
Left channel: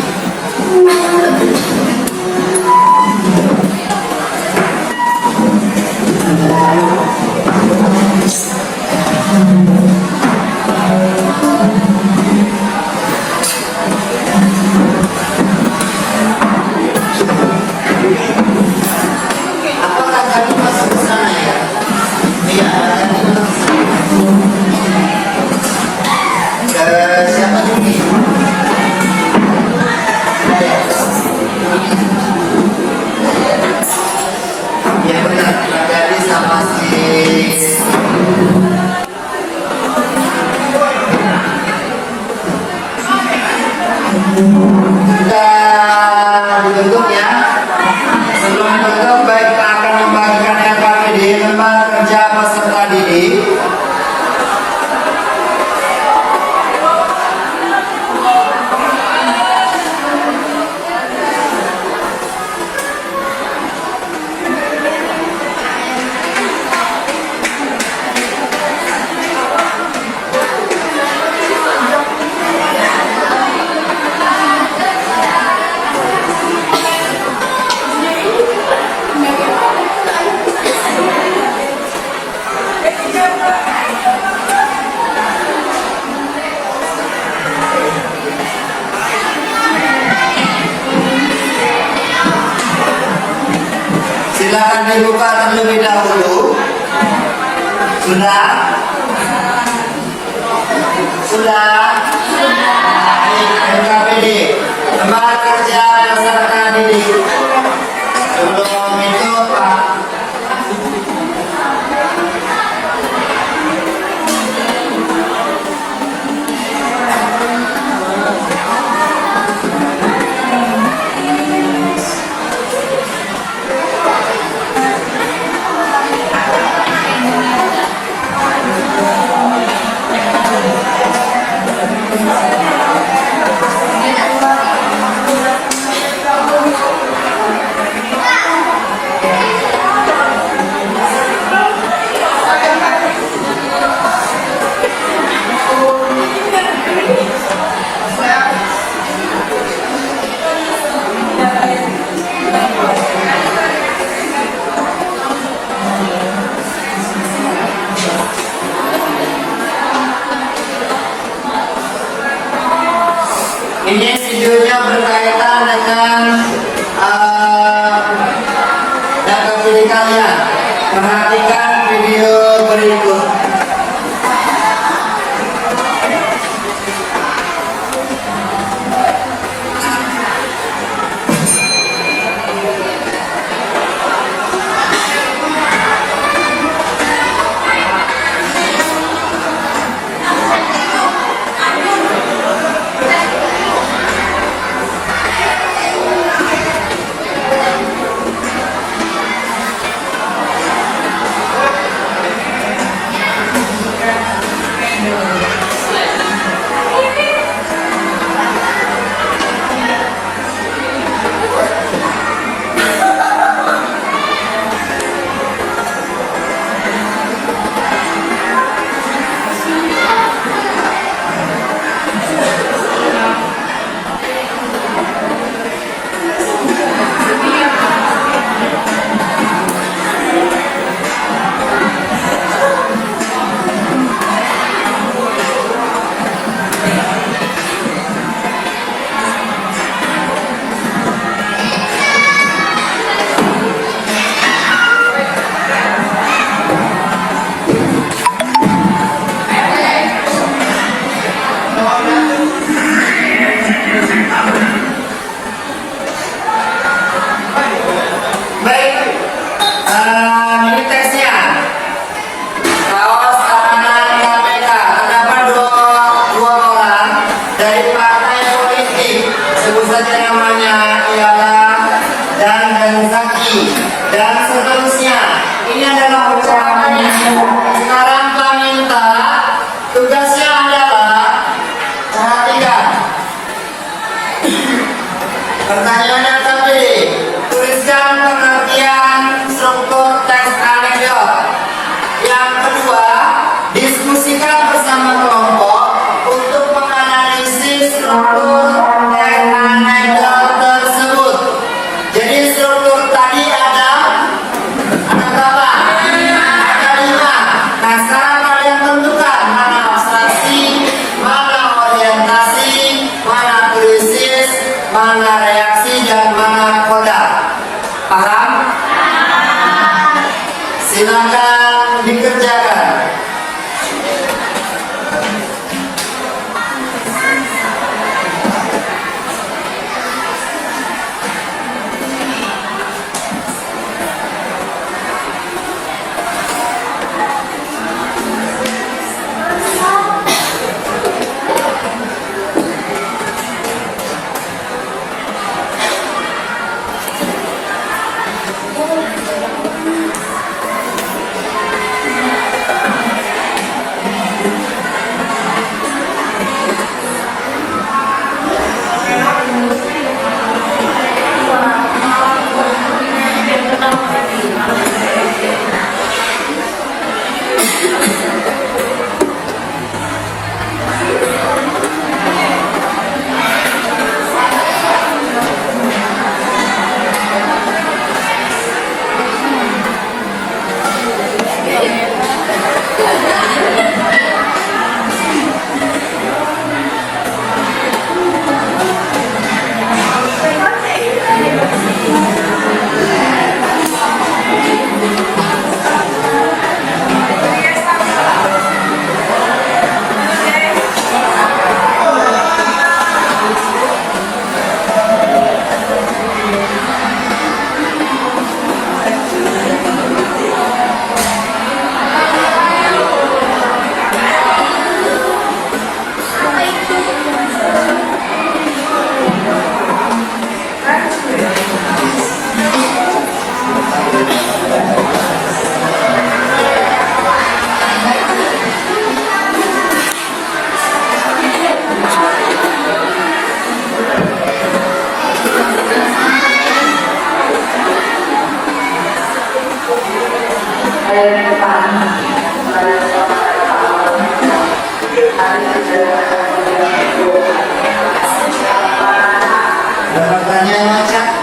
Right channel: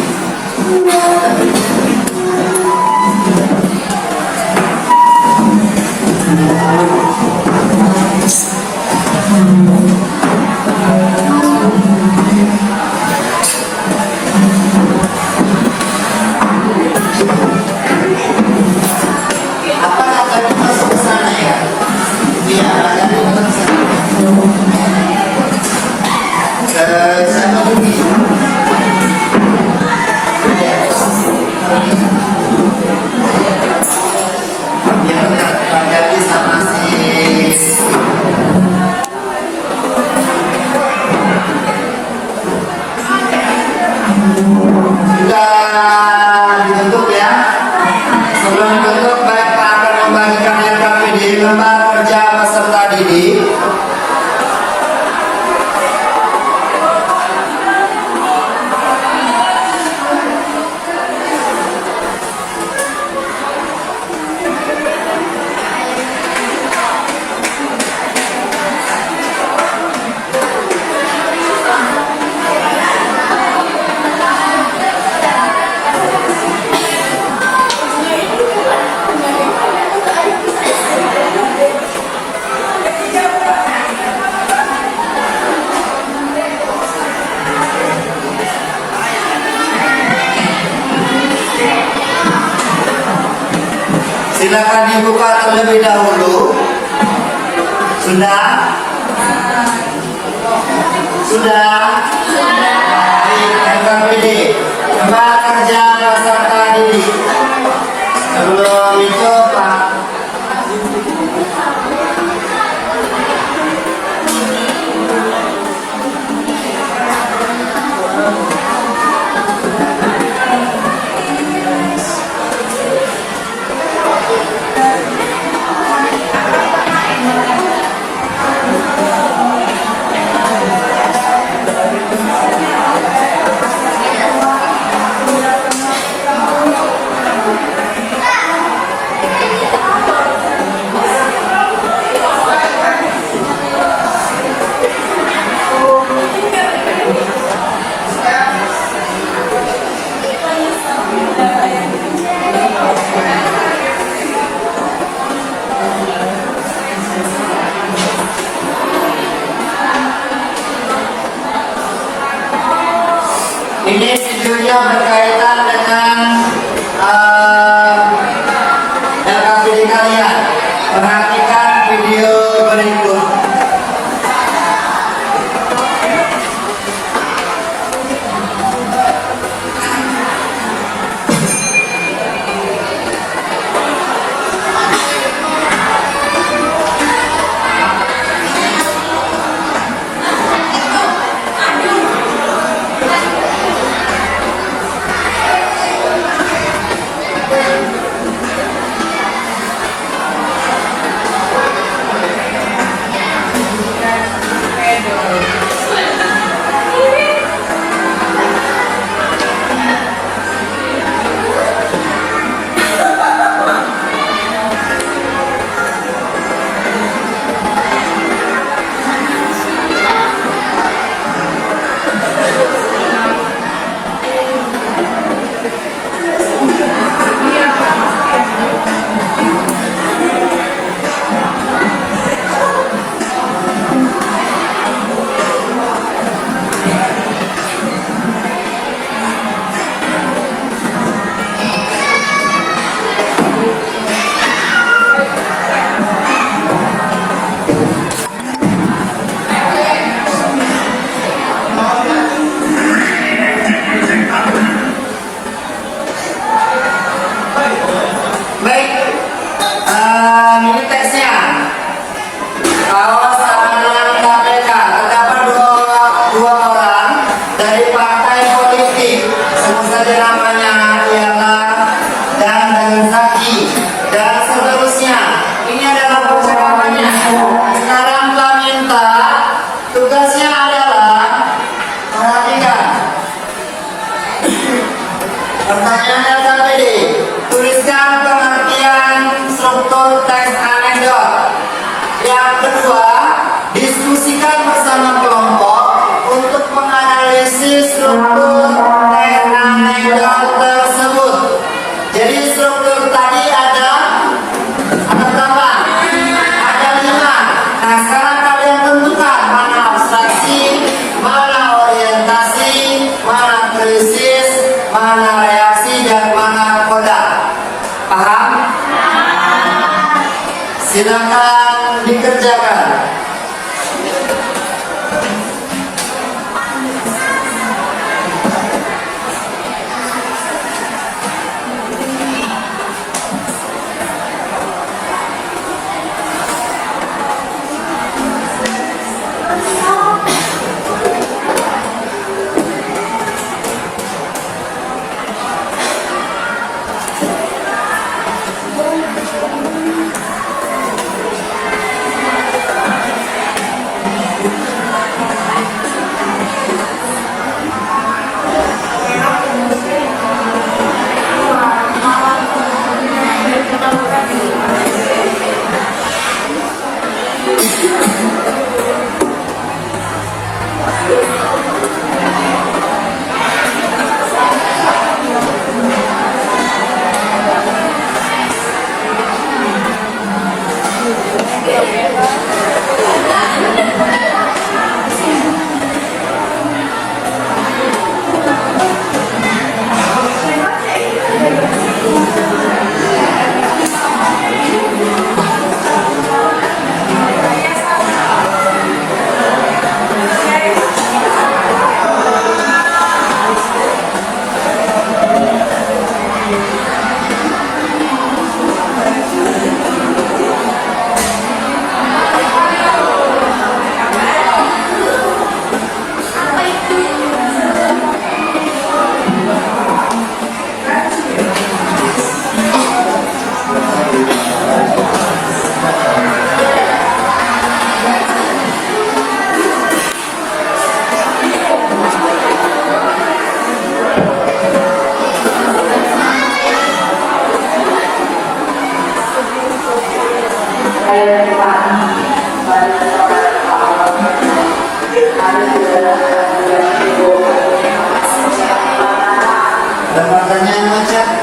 Apa tadi masuk ke sana ya? Iya, tadi masuk ke sana. Siapa ini? Ya benar, jadi sama si sudah dibentuk ya. Sebelum dibentuk, kita akan membagikan LKPD, lembar kerja peserta didik. Silakan dibuka terlebih dahulu. Sudah? Sudah? Baik, NKPD, Lembaga Kerja Peserta Didik. Sebelum itu Pak, ini videonya berkaitan dengan NKPD kalian. Perhatikan video berikut. Baik, ini tesnya. Awas keamanan KPK. Terdapat dua orang dari partai politik. Sebut saja namanya ialah dan Zaki dan seterusnya. Ini adalah percakapannya. Sekarang Pak minta tugasnya adalah perhatikan. Pertanyaan KPD. Tuliskan pengertian struktur teks anekdot. Yang kedua, diskusikan bersama kelompok untuk menganalisis struktur teks anekdot tersebut. Jadi struktur tadi ada berapa? Ada 5. Nah sekarang kalian tentukan mana abstraksi, mana orientasi, mana krisis, mana reaksi, dan mana koda. Paham? Silakan dikerjakan. Ada pertanyaan macam?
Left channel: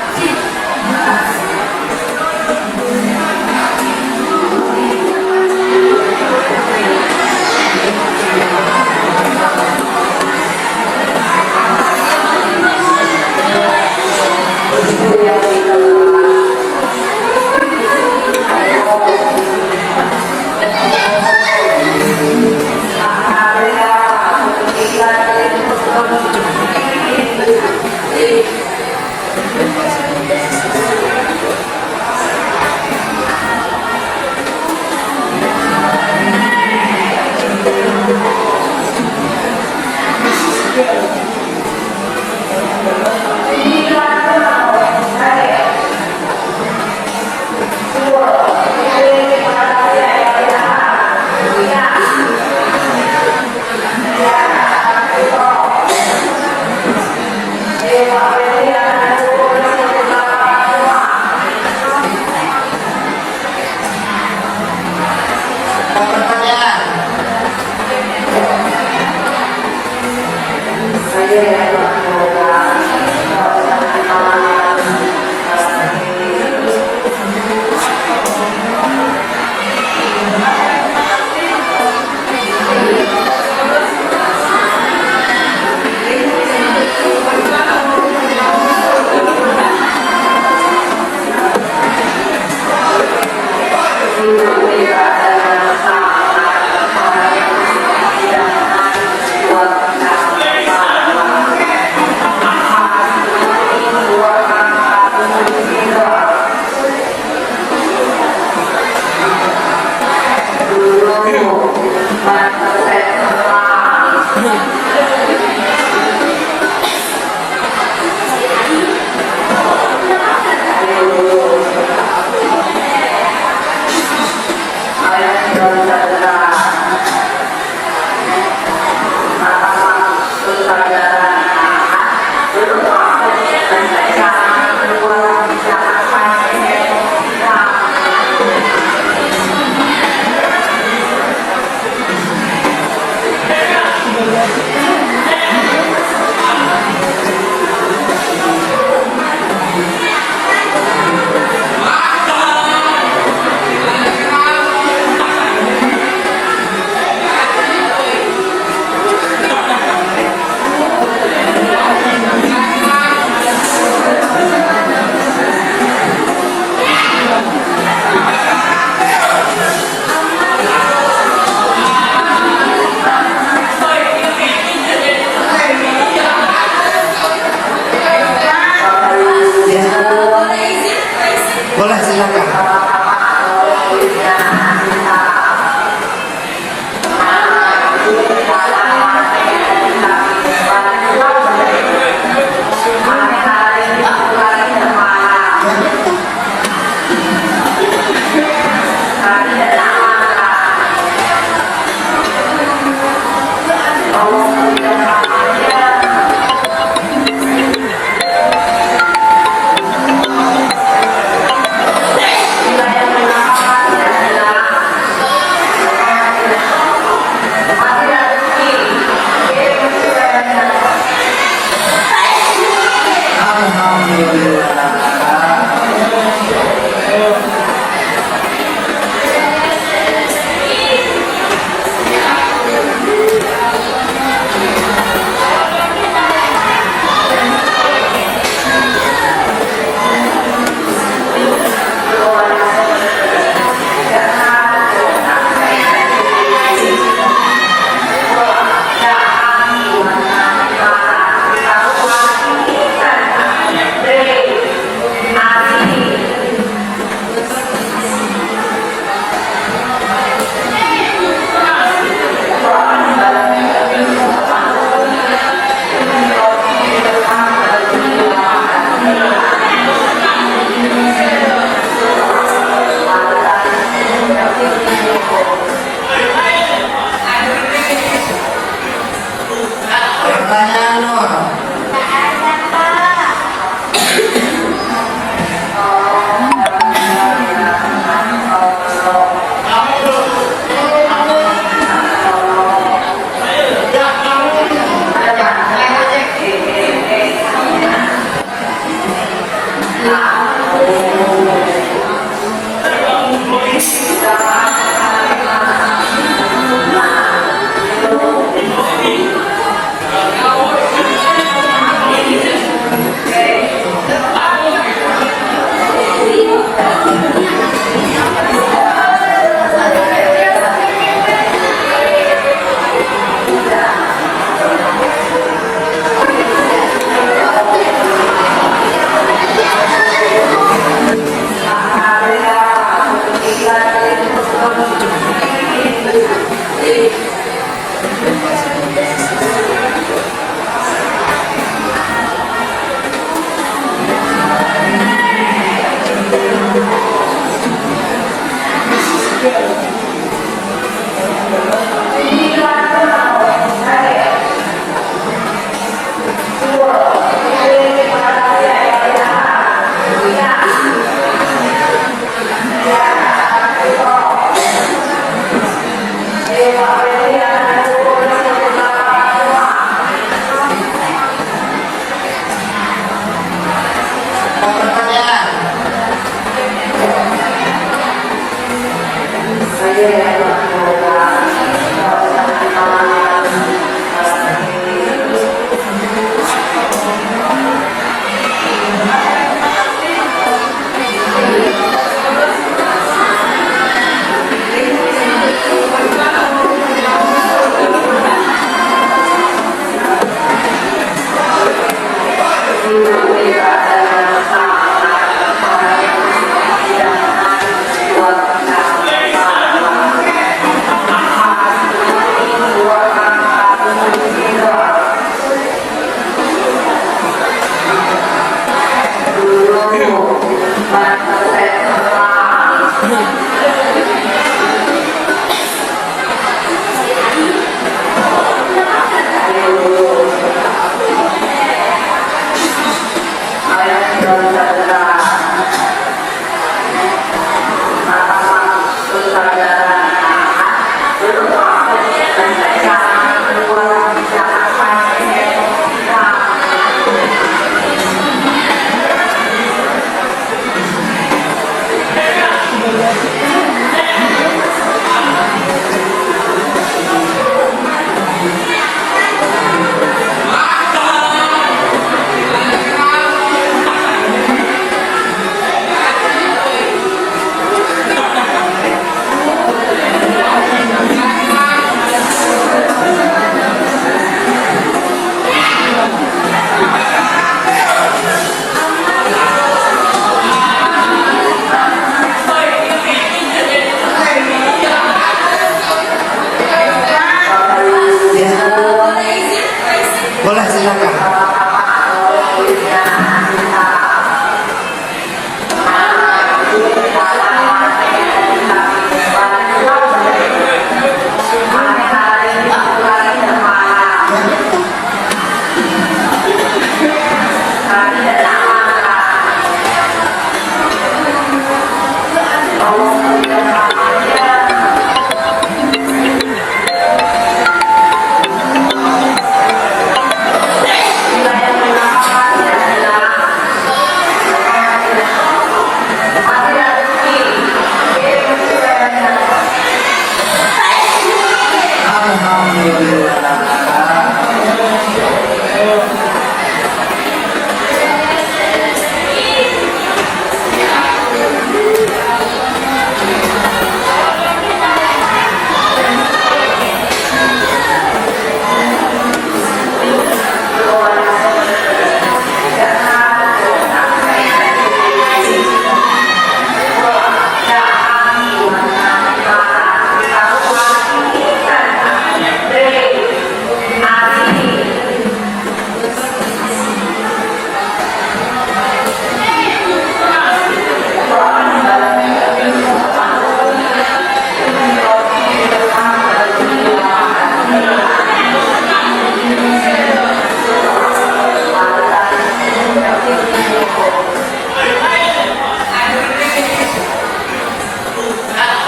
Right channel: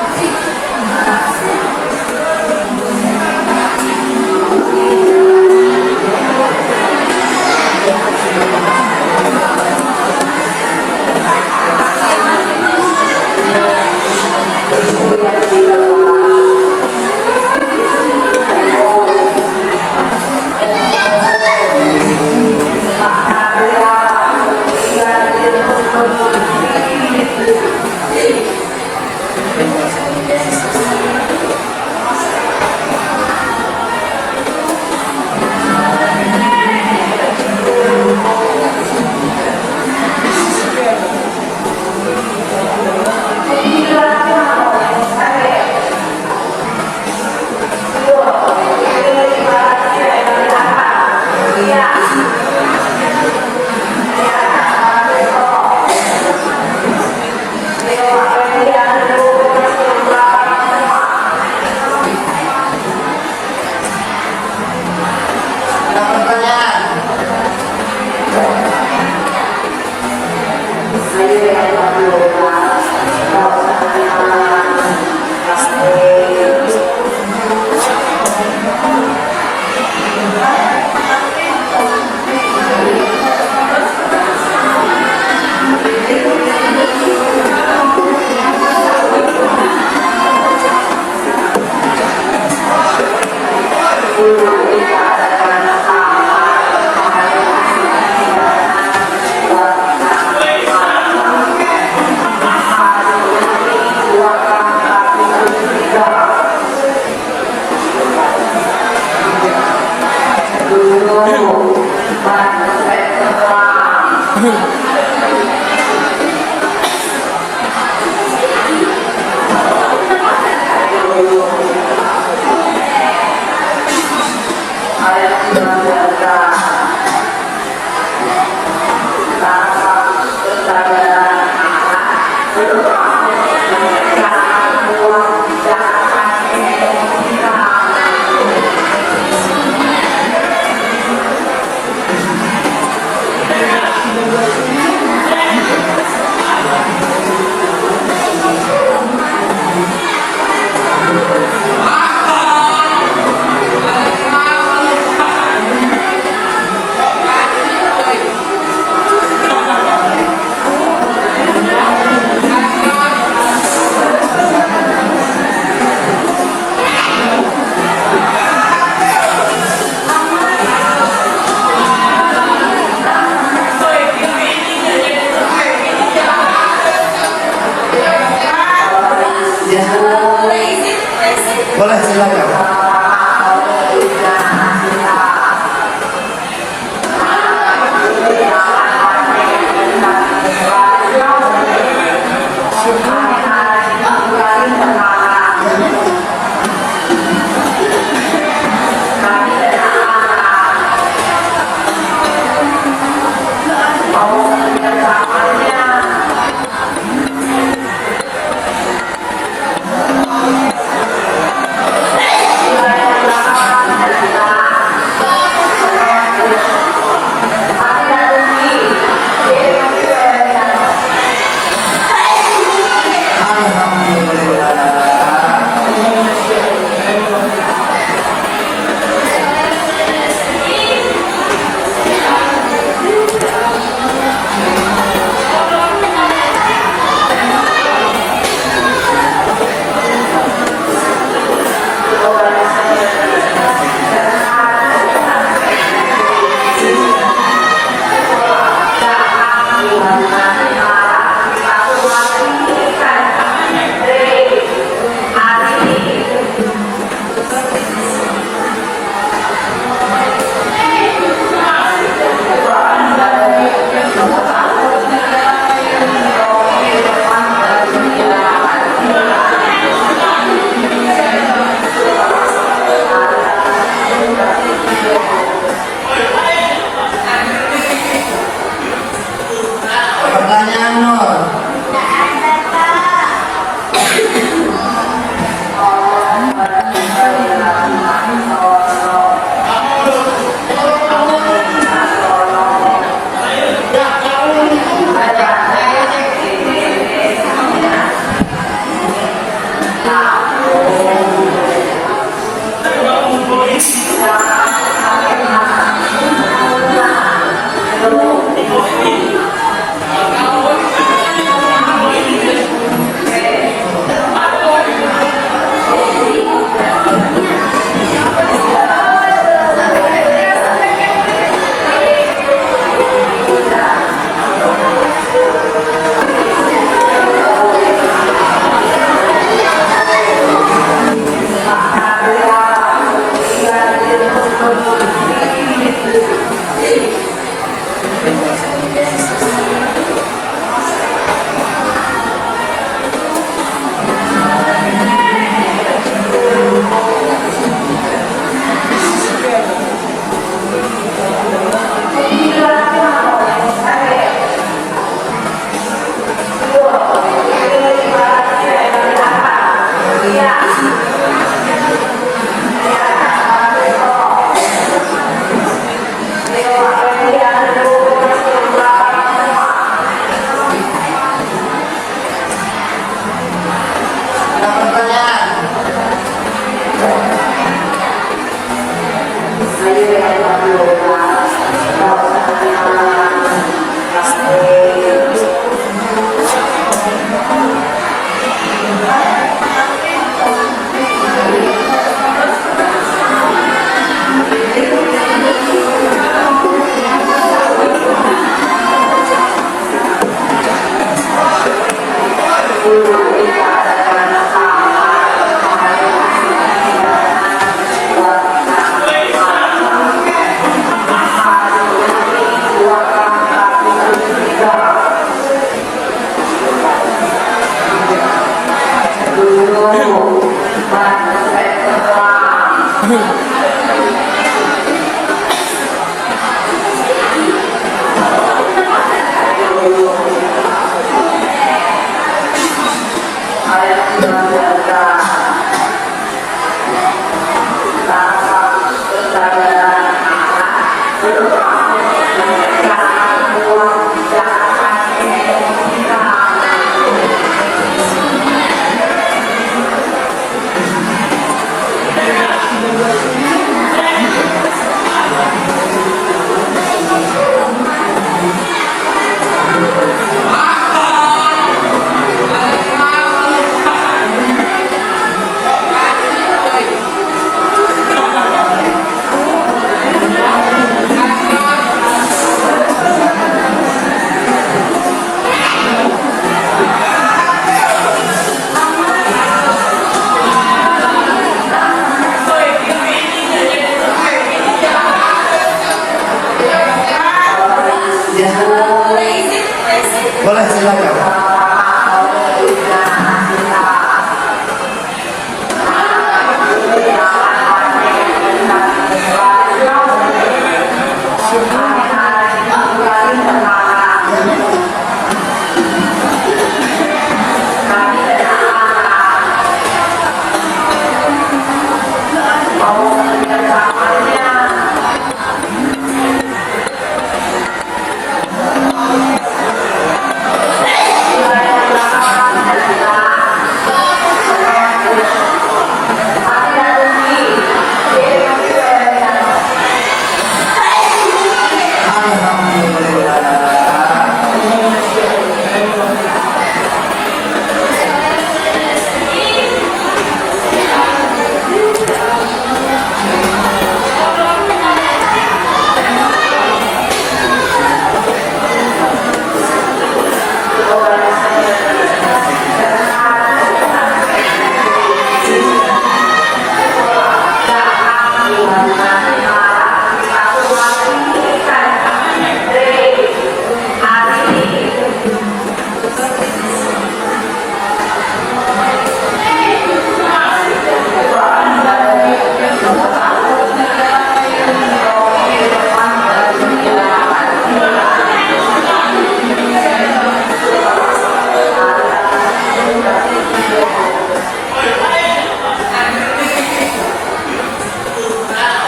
Boleh silakan. Ya. Boleh silakan.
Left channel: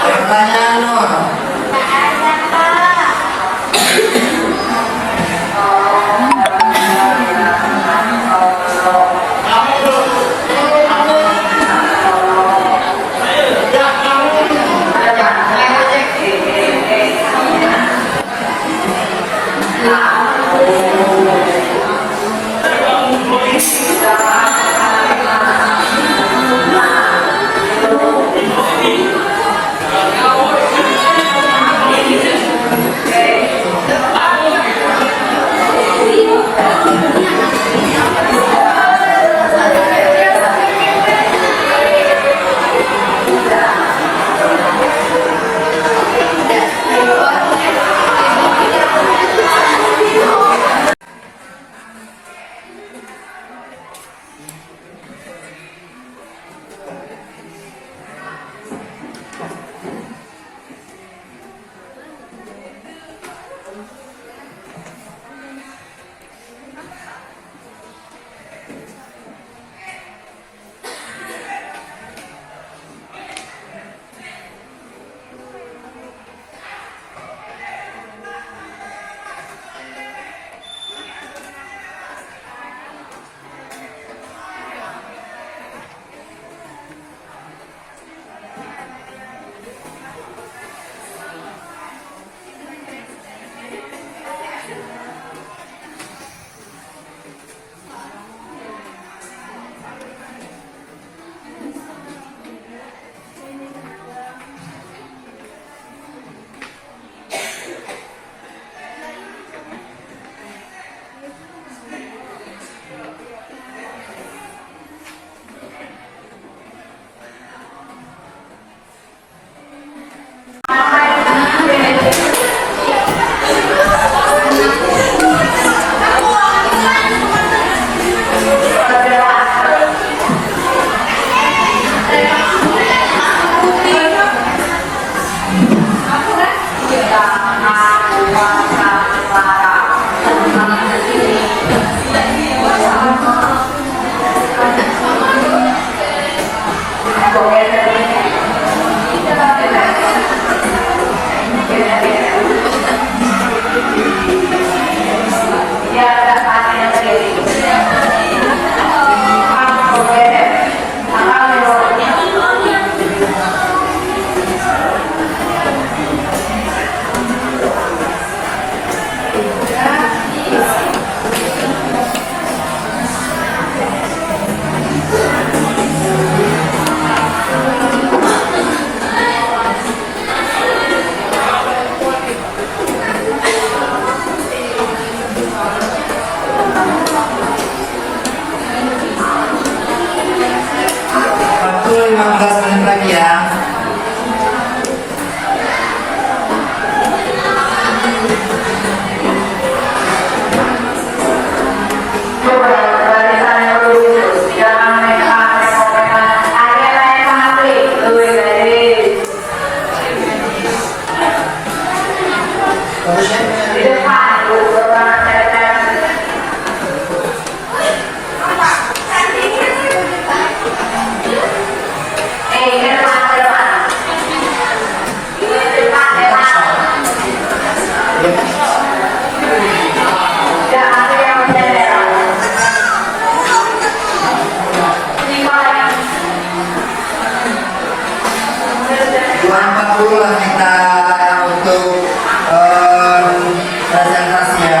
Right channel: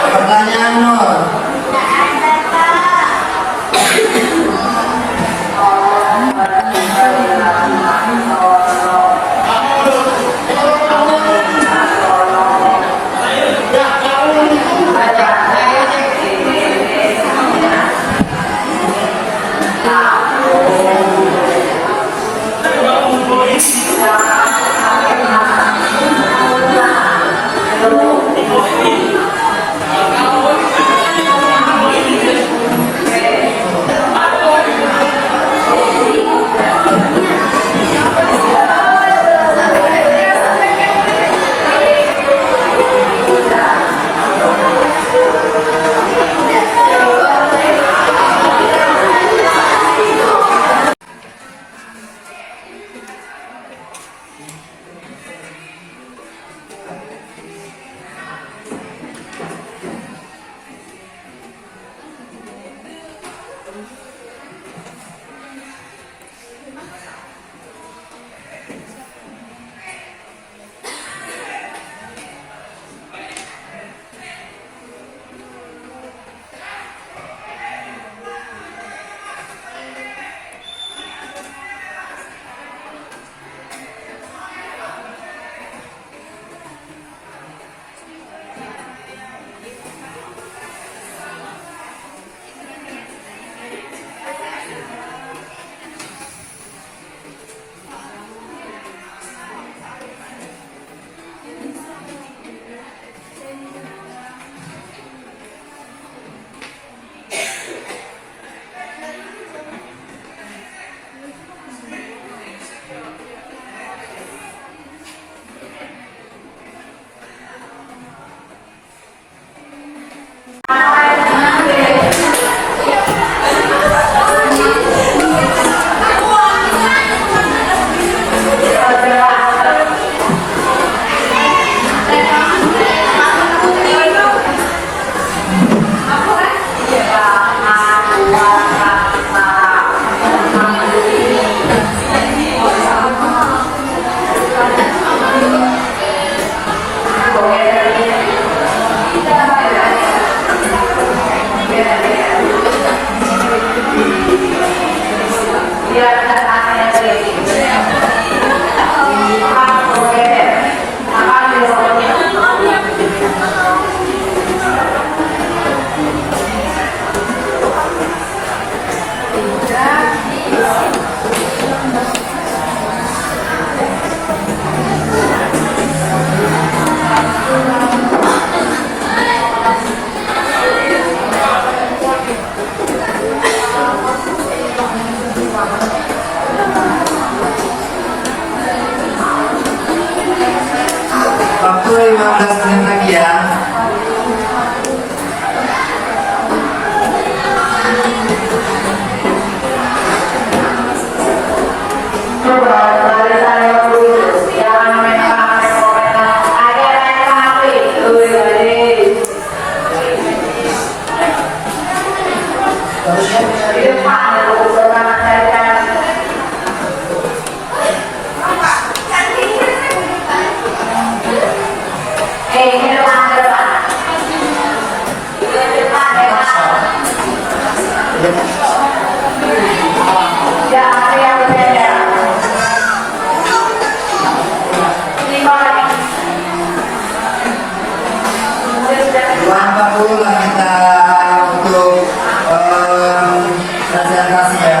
Pertanyaan Nur. 15 menit lagi ya. Dua 40 lah kita untuk presentasi ya.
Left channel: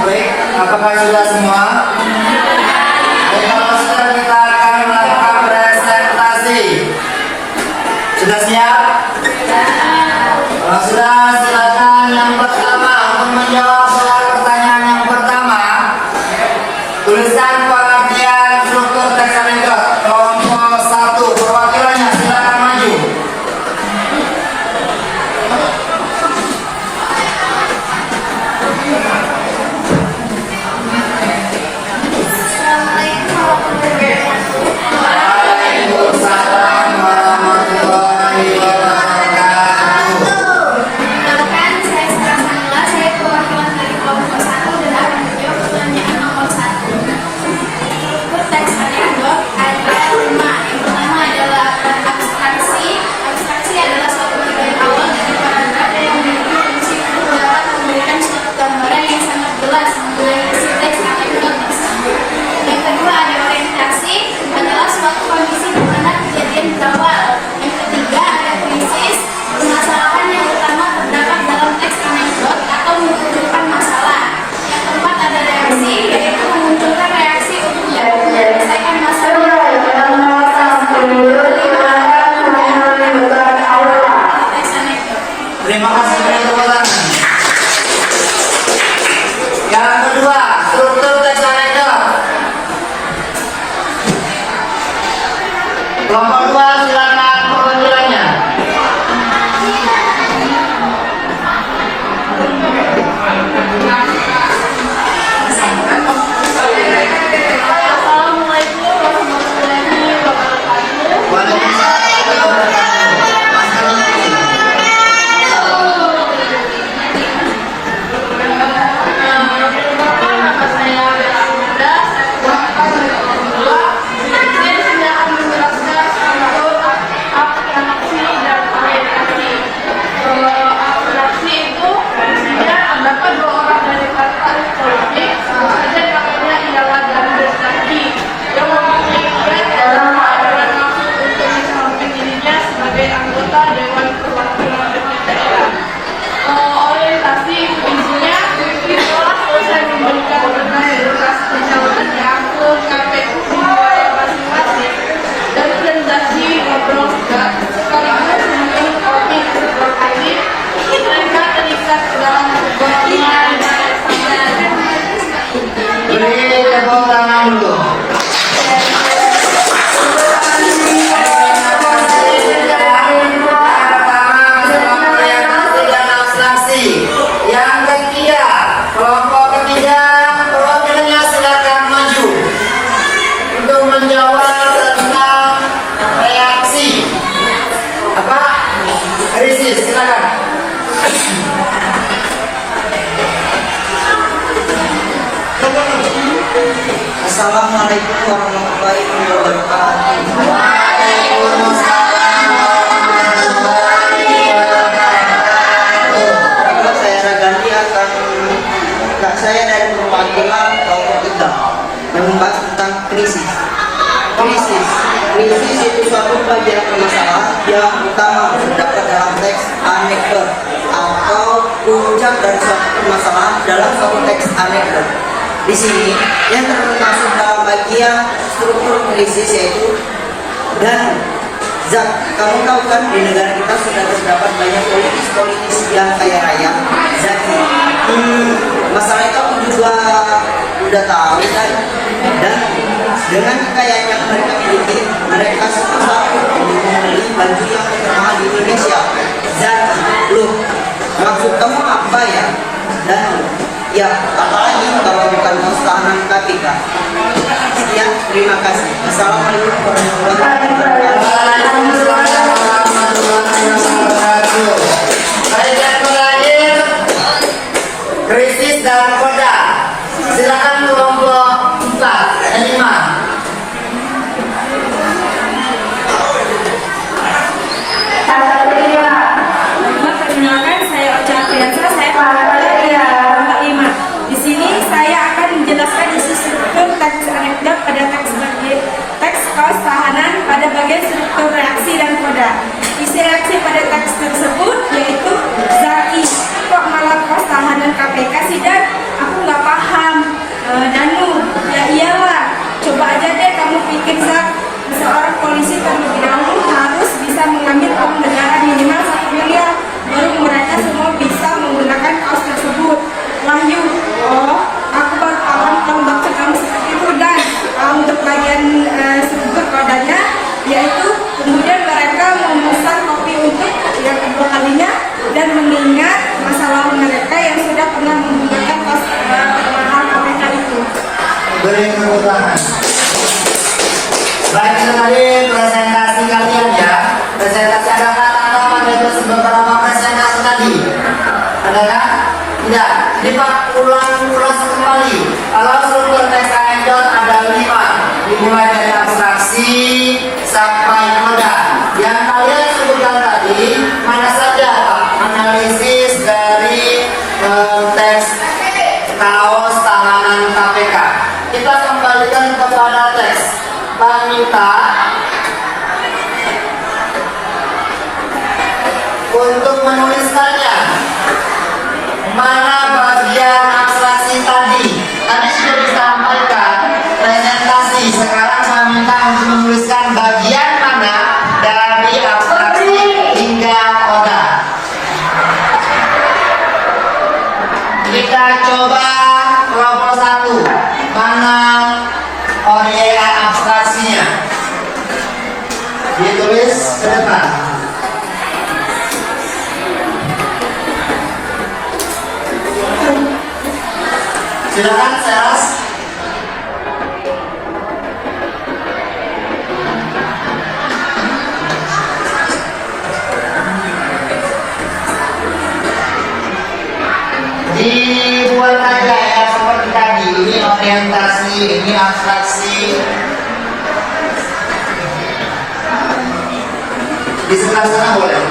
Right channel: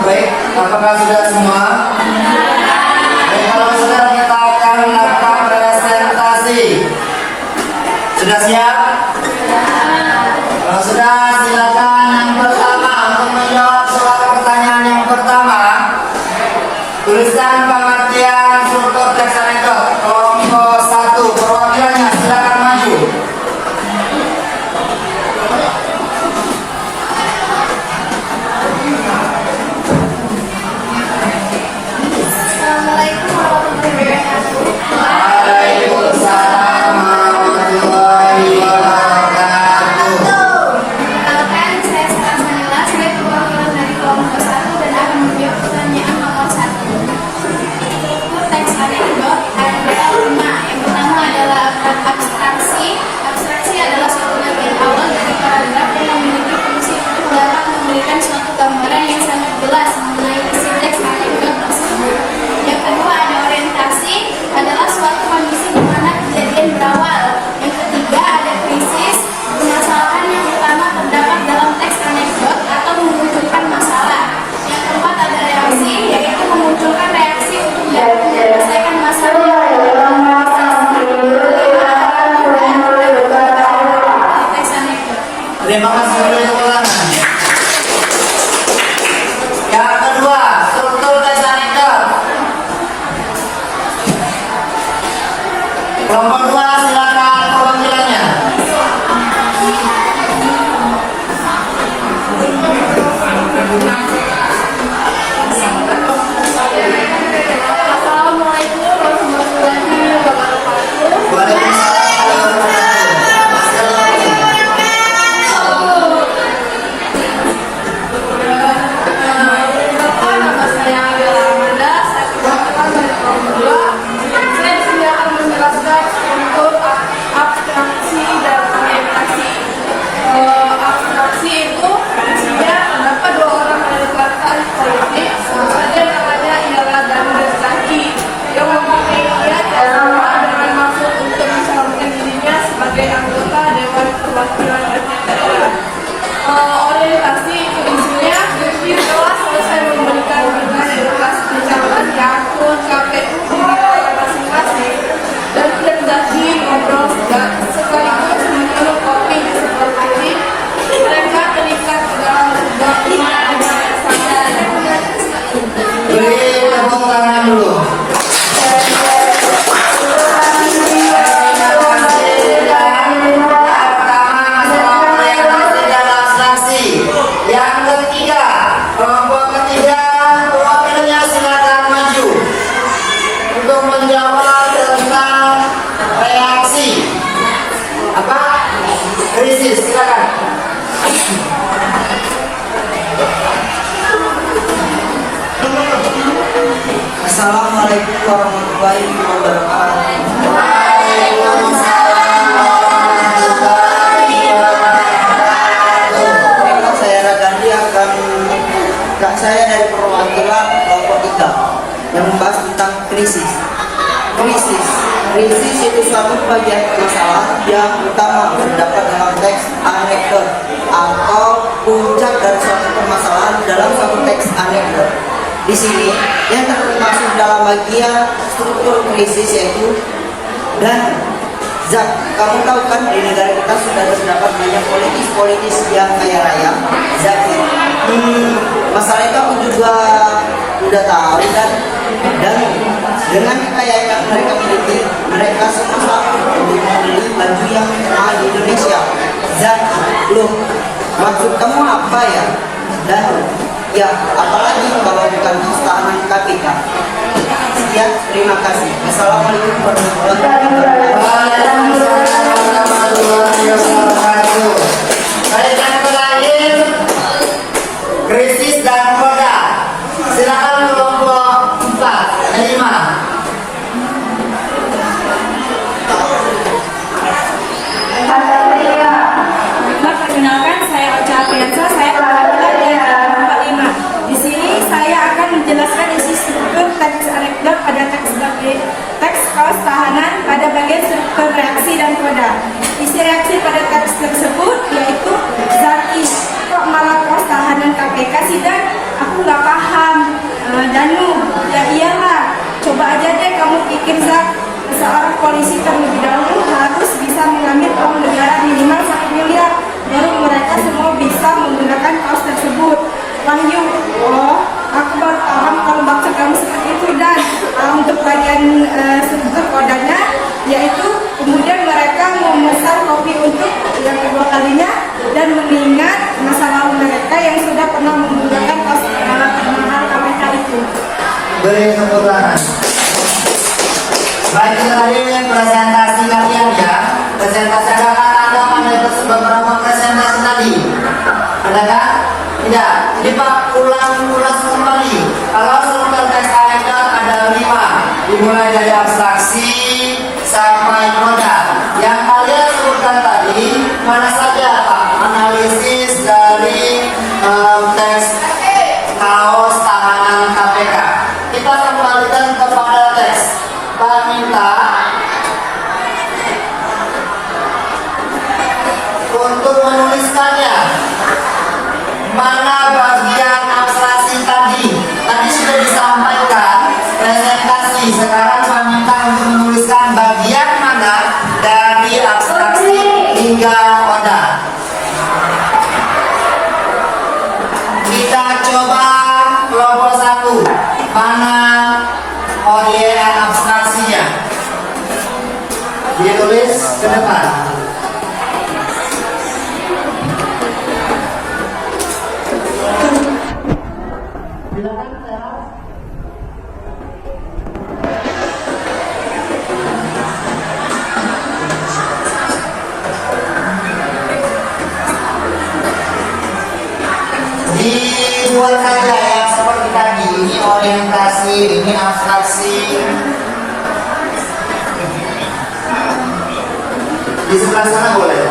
Baik, apakah sudah semua? Baik, kalau sudah kita akan melakukan presentasi. Sudah siap? Kalau sudah, silakan yang pertama untuk menjawab soal pertanyaan yang pertama. Tulisan pengertian struktur teks anekdot. Kelompok 1, perwakilannya silakan maju. Assalamualaikum warahmatullahi wabarakatuh. Waalaikumsalam warahmatullahi wabarakatuh. Perkenalkan, saya Sarah Manila, saya perwakilan dari kelompok 1 dan akan menjawab pertanyaan nomor 1. Struktur teks anekdot ada 5. Yang pertama adalah abstraksi. Abstraksi adalah suatu bagian awal dari paragraf yang memiliki fungsi untuk dapat memberikan suatu gambaran yang sangat jelas mengenai isi teks anekdot tersebut. Yang kedua ada orientasi, adalah suatu kondisi di mana kejadian berawal. Yang ketiga ada krisis, permasalahan yang utama terdapat dalam teks anekdot atau memunculkan masalah. Yang keempat ada reaksi, yaitu memunculkan reaksi untuk menyelesaikan masalah. Teks anekdot. Terima kasih untuk tepuk tangan. Yang kedua, struktur teks anekdot. Kelompok 2, silakan perwakilannya. Assalamualaikum warahmatullahi wabarakatuh. Waalaikumsalam warahmatullahi Nama saya Bella Amanda, saya perwakilan dari kelompok 2. Saya di sini akan menjelaskan struktur menjawab tentang reaksi apa? Krisis, silakan. Assalamualaikum warahmatullahi wabarakatuh. Waalaikumsalam warahmatullahi wabarakatuh. Baiklah, saya Radani akan saya dari perwakilan kelompok 3 membahas tentang krisis. Krisis itu suatu bagian permasalahan yang utama terdapat dalam teks anekdot atau puncak dari suatu permasalahan dalam suatu teks anekdot. Di sini yang termasuk dalam bagian struktur krisis yaitu dan zat. Kamu tahu kan di negara kita sudah terdapat banyak politis yang kaya raya, zaki. Masalah itu aku juga udah tahu dan dengan kekayaan yang mereka miliki, mereka susah untuk membeli baju yang termahal di Indonesia. Zaki, loh, maksud kamu apa ya? Dan ya, apalagi kalau bukan tahanan KPK. Ya, terima kasih. Assalamualaikum warahmatullahi wabarakatuh. Waalaikumsalam warahmatullahi wabarakatuh. Baik, yang terakhir krisis dan koda. Silakan kelompok 4 dan 5. Perkenalkan, saya Ocha Apriansa, saya dari kelompok 5. Di sini saya akan menjelaskan isi struktur teks anekdot pada teks kaos tahanan pada bagian struktur reaksi dan koda. Isi reaksi pada teks tersebut yaitu Zaki, kok malah kaos tahanan KPK sih Dan? Aku nggak paham. Danu, ya iyalah. Coba aja deh kamu pikir Zak, seorang polisi terlebih dahulu harus bisa mengambil uang negara minimal 1 miliar. Baru mereka semua bisa menggunakan kaos tersebut. Wahyu, oh, aku baru paham kalau maksud kamu seperti itu. Dan untuk bagian struktur kodanya, yaitu kemudian mereka memesan kopi untuk yang kedua kalinya dan mengingat masa lalu mereka yang sudah pernah menggunakan kaos mahal KPK itu. Beri tepuk tangan. Baik, sekali presentasi kalian ya. Presentasi adakah tanggapan dari beberapa presentasi tadi? Adakah? Tidak. Lipat ulas kembali. Kalau struktur teks anekdot ada 5, dimulai dari abstraksi sampai koda. Yang kalian sebutkan tadi mana saja Pak? Analisis dari teks kaos tahanan KPK. Kita kembalikan kepada teks. Pak minta untuk menuliskannya. Mana bagian abstraksi tadi? Tadi sudah disampaikan presentasi. Sekarang saya minta untuk menuliskan bagian mana dari abstraksi hingga koda. Kita coba kelompok 1. Mana oriean abstraksinya? Ditulis ke depan. Silakan Seras. Dibuat saja ya seperti tadi. Ini orientasi, ini abstraksi. Di sebelah sana boleh.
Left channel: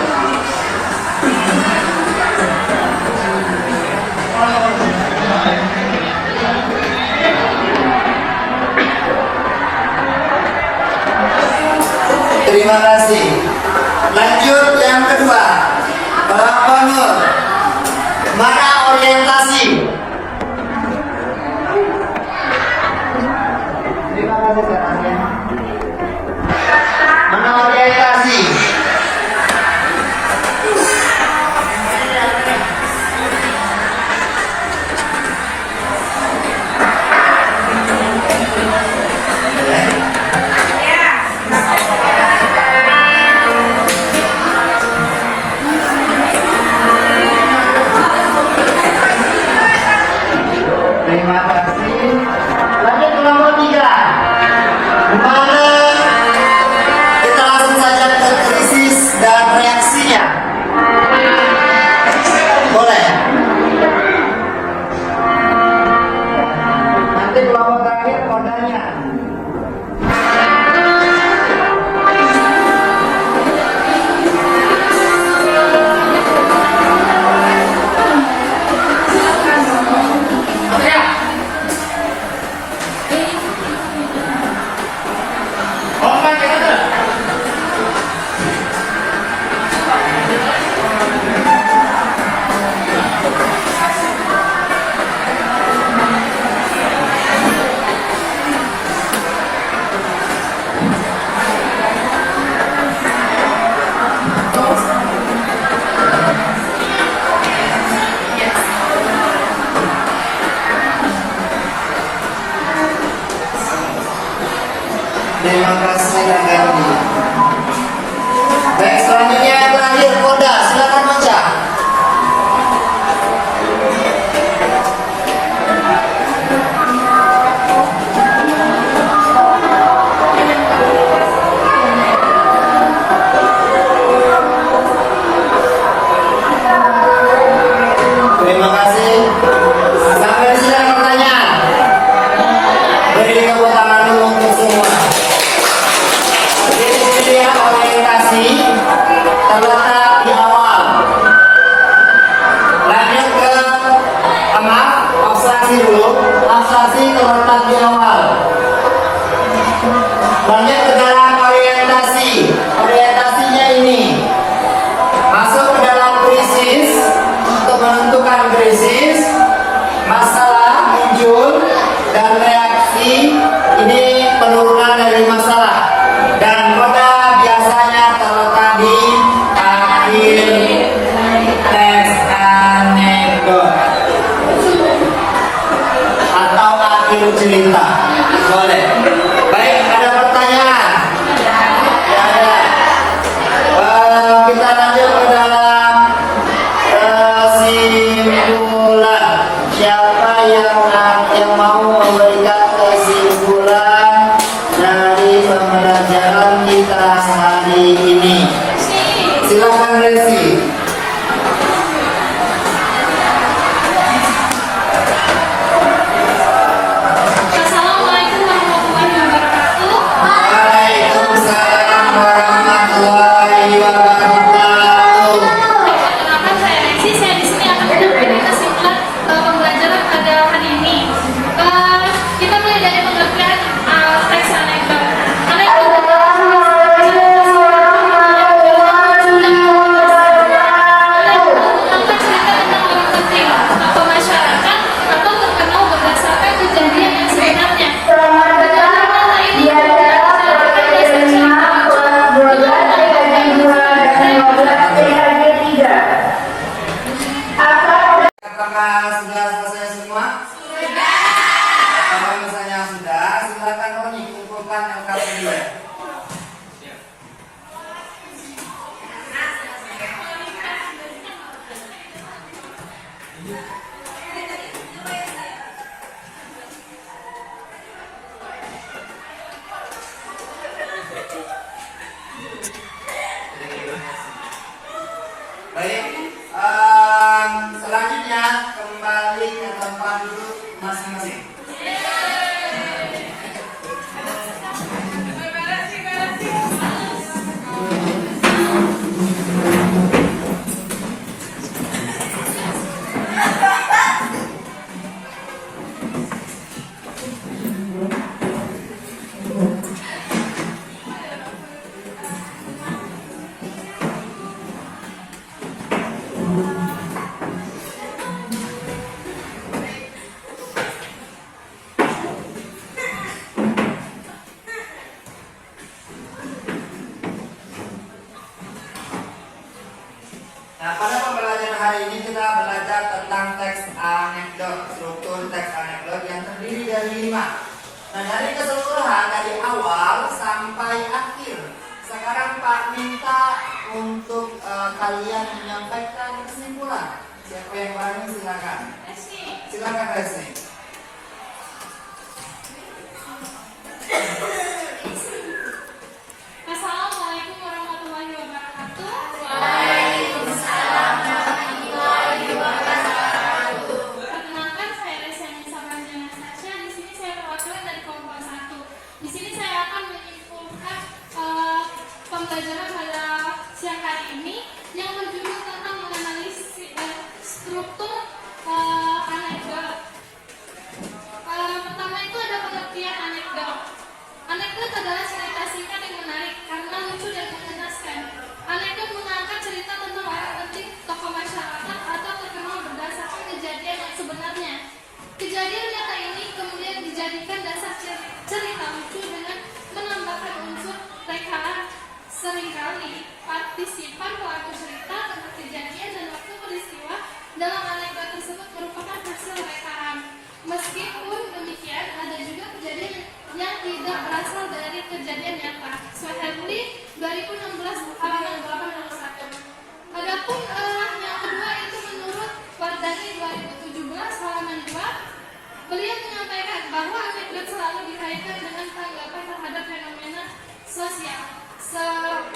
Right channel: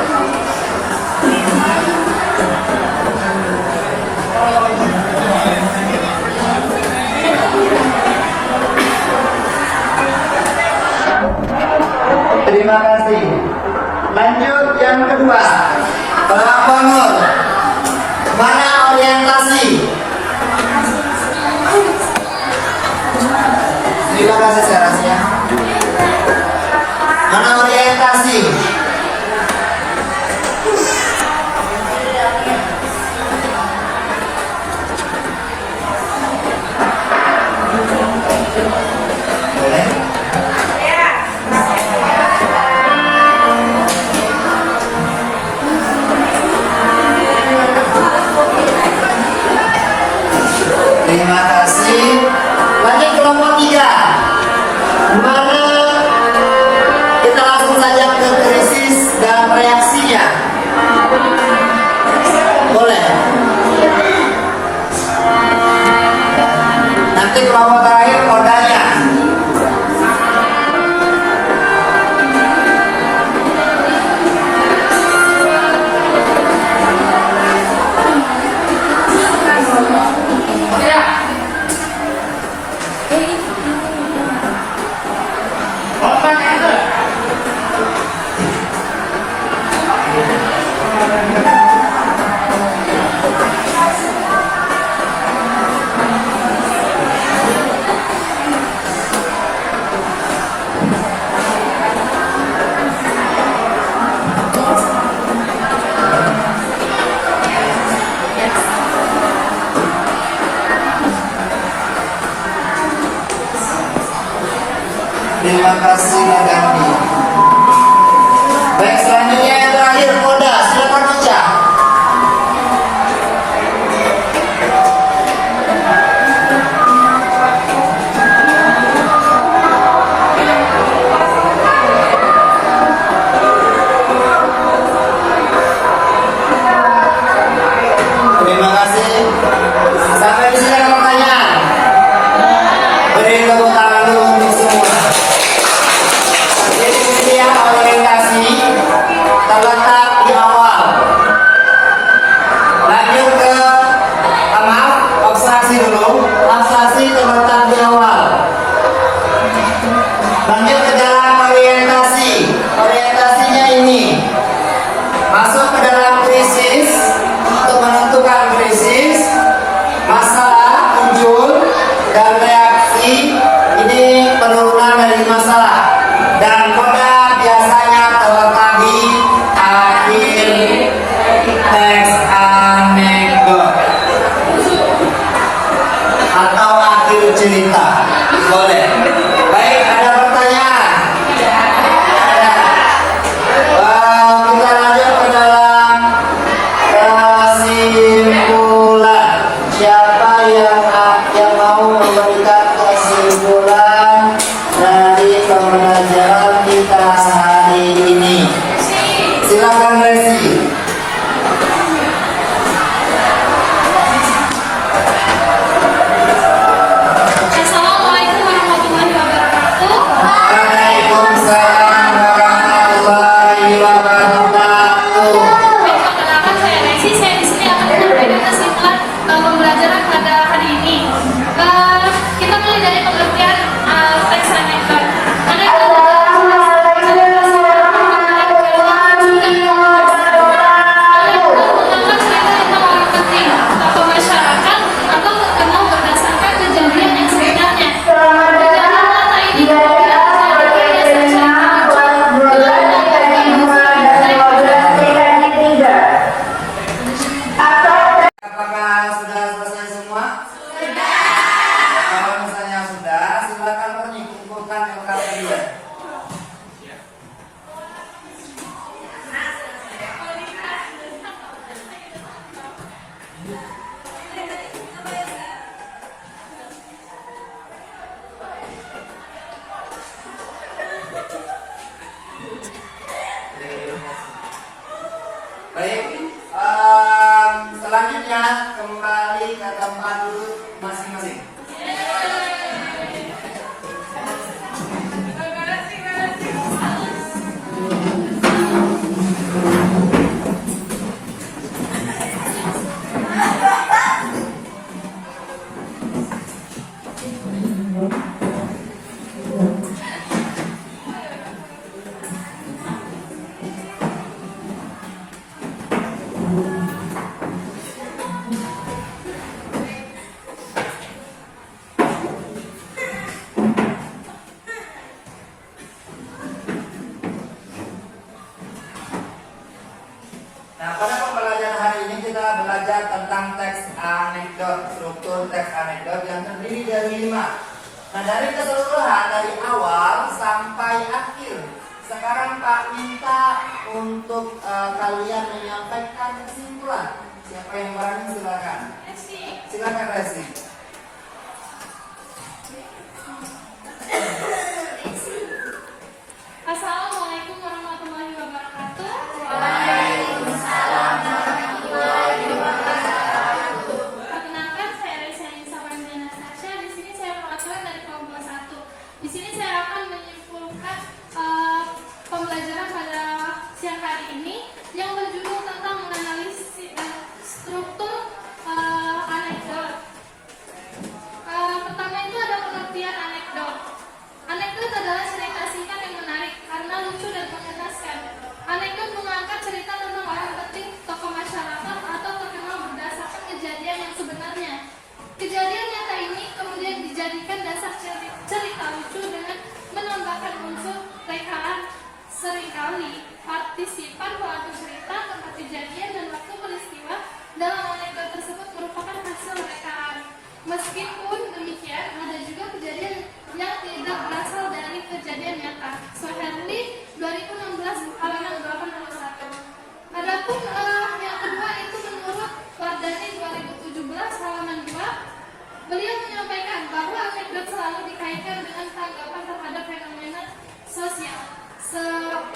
Terima kasih. Lanjut yang kedua. Pak Bangun. Mana orientasi? Terima kasih Serasnya. Mana orientasi? Terima kasih. Lanjut kelompok 3. Terima kasih Gandhi. Baik, selanjutnya yang terakhir Koda, silakan baca. Terima kasih. Sampai di sini ada pertanyaan. Beri tepuk tangan dulu untuk semua. Jadi dia orientasi terletak di awal. Lanjut ke maaf, observasi dulu. Observasi terletak di awal. Lanjut ke dalam orientasi. Orientasinya ini masuk ke dalam krisis. Untuk menentukan krisis, masalah muncul dan reaksi ini penurunan dari masalah, dan Koda biasanya terletak di akhir teks anekdot atau akhir cerita. Boleh. Baik, ada pertanyaan? Ada. Kita lanjut ke dalam kesimpulan. Siapa yang mau memberikan kesimpulan dari pembelajaran kita sehari ini? Silakan Resi. Assalamualaikum warahmatullahi wabarakatuh. Waalaikumsalam warahmatullahi wabarakatuh. Perkenalkan, saya Resi. Saya di sini akan menyampaikan kesimpulan pembelajaran pada hari ini. Kita mulai dari pengertian teks anekdot. Anekdot adalah mengangkat cerita tentang orang penting, tokoh masyarakat, atau terkenal berdasarkan kejadian yang sebenarnya. Kejadian nyata ini tidak dijadikan Apakah sudah selesai semua? Sudah. Kalau misalnya sudah, silakan Roni kumpulkan LKP-nya. Baik, selanjutnya kembali ke tempat duduk masing-masing. Nah, pada pembelajaran hari ini kita belajar tentang teks anekdot, struktur teks anekdot yang terdiri dari 5. Nah, dari keseluruhan dari awal sampai akhir. Sekarang Pak minta untuk kalian menyampaikan kesimpulan. Siapa yang berani silakan. Silakan Resi. Assalamualaikum warahmatullahi wabarakatuh. Perkenalkan, saya Resi Anissa Pranjana Natasha. Di sini saya perwakilan dari kelompok 1. Di sini saya akan menyimpulkan pembelajaran pada siang hari ini yang berjudul tentang menganalisis struktur anekdot. Pertama itu ada pengertian anekdot. Anekdot adalah cerita singkat yang menarik karena lucu dan mengenaskan. Anekdot mengangkat cerita tentang orang penting, tokoh masyarakat, atau terkenal berdasarkan kejadian yang sebenarnya. Kejadian nyata ini kemudian dijadikan dasar cerita lucu dengan menambahkan unsur rekaman seringkali sosial.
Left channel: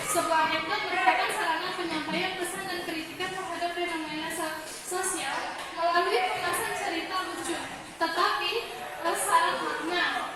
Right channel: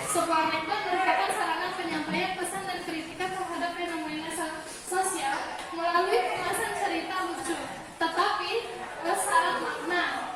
Sebuah anekdot merupakan sarana penyampaian pesan dan kritikan terhadap fenomena sosial melalui kemasan cerita lucu, tetapi syarat makna.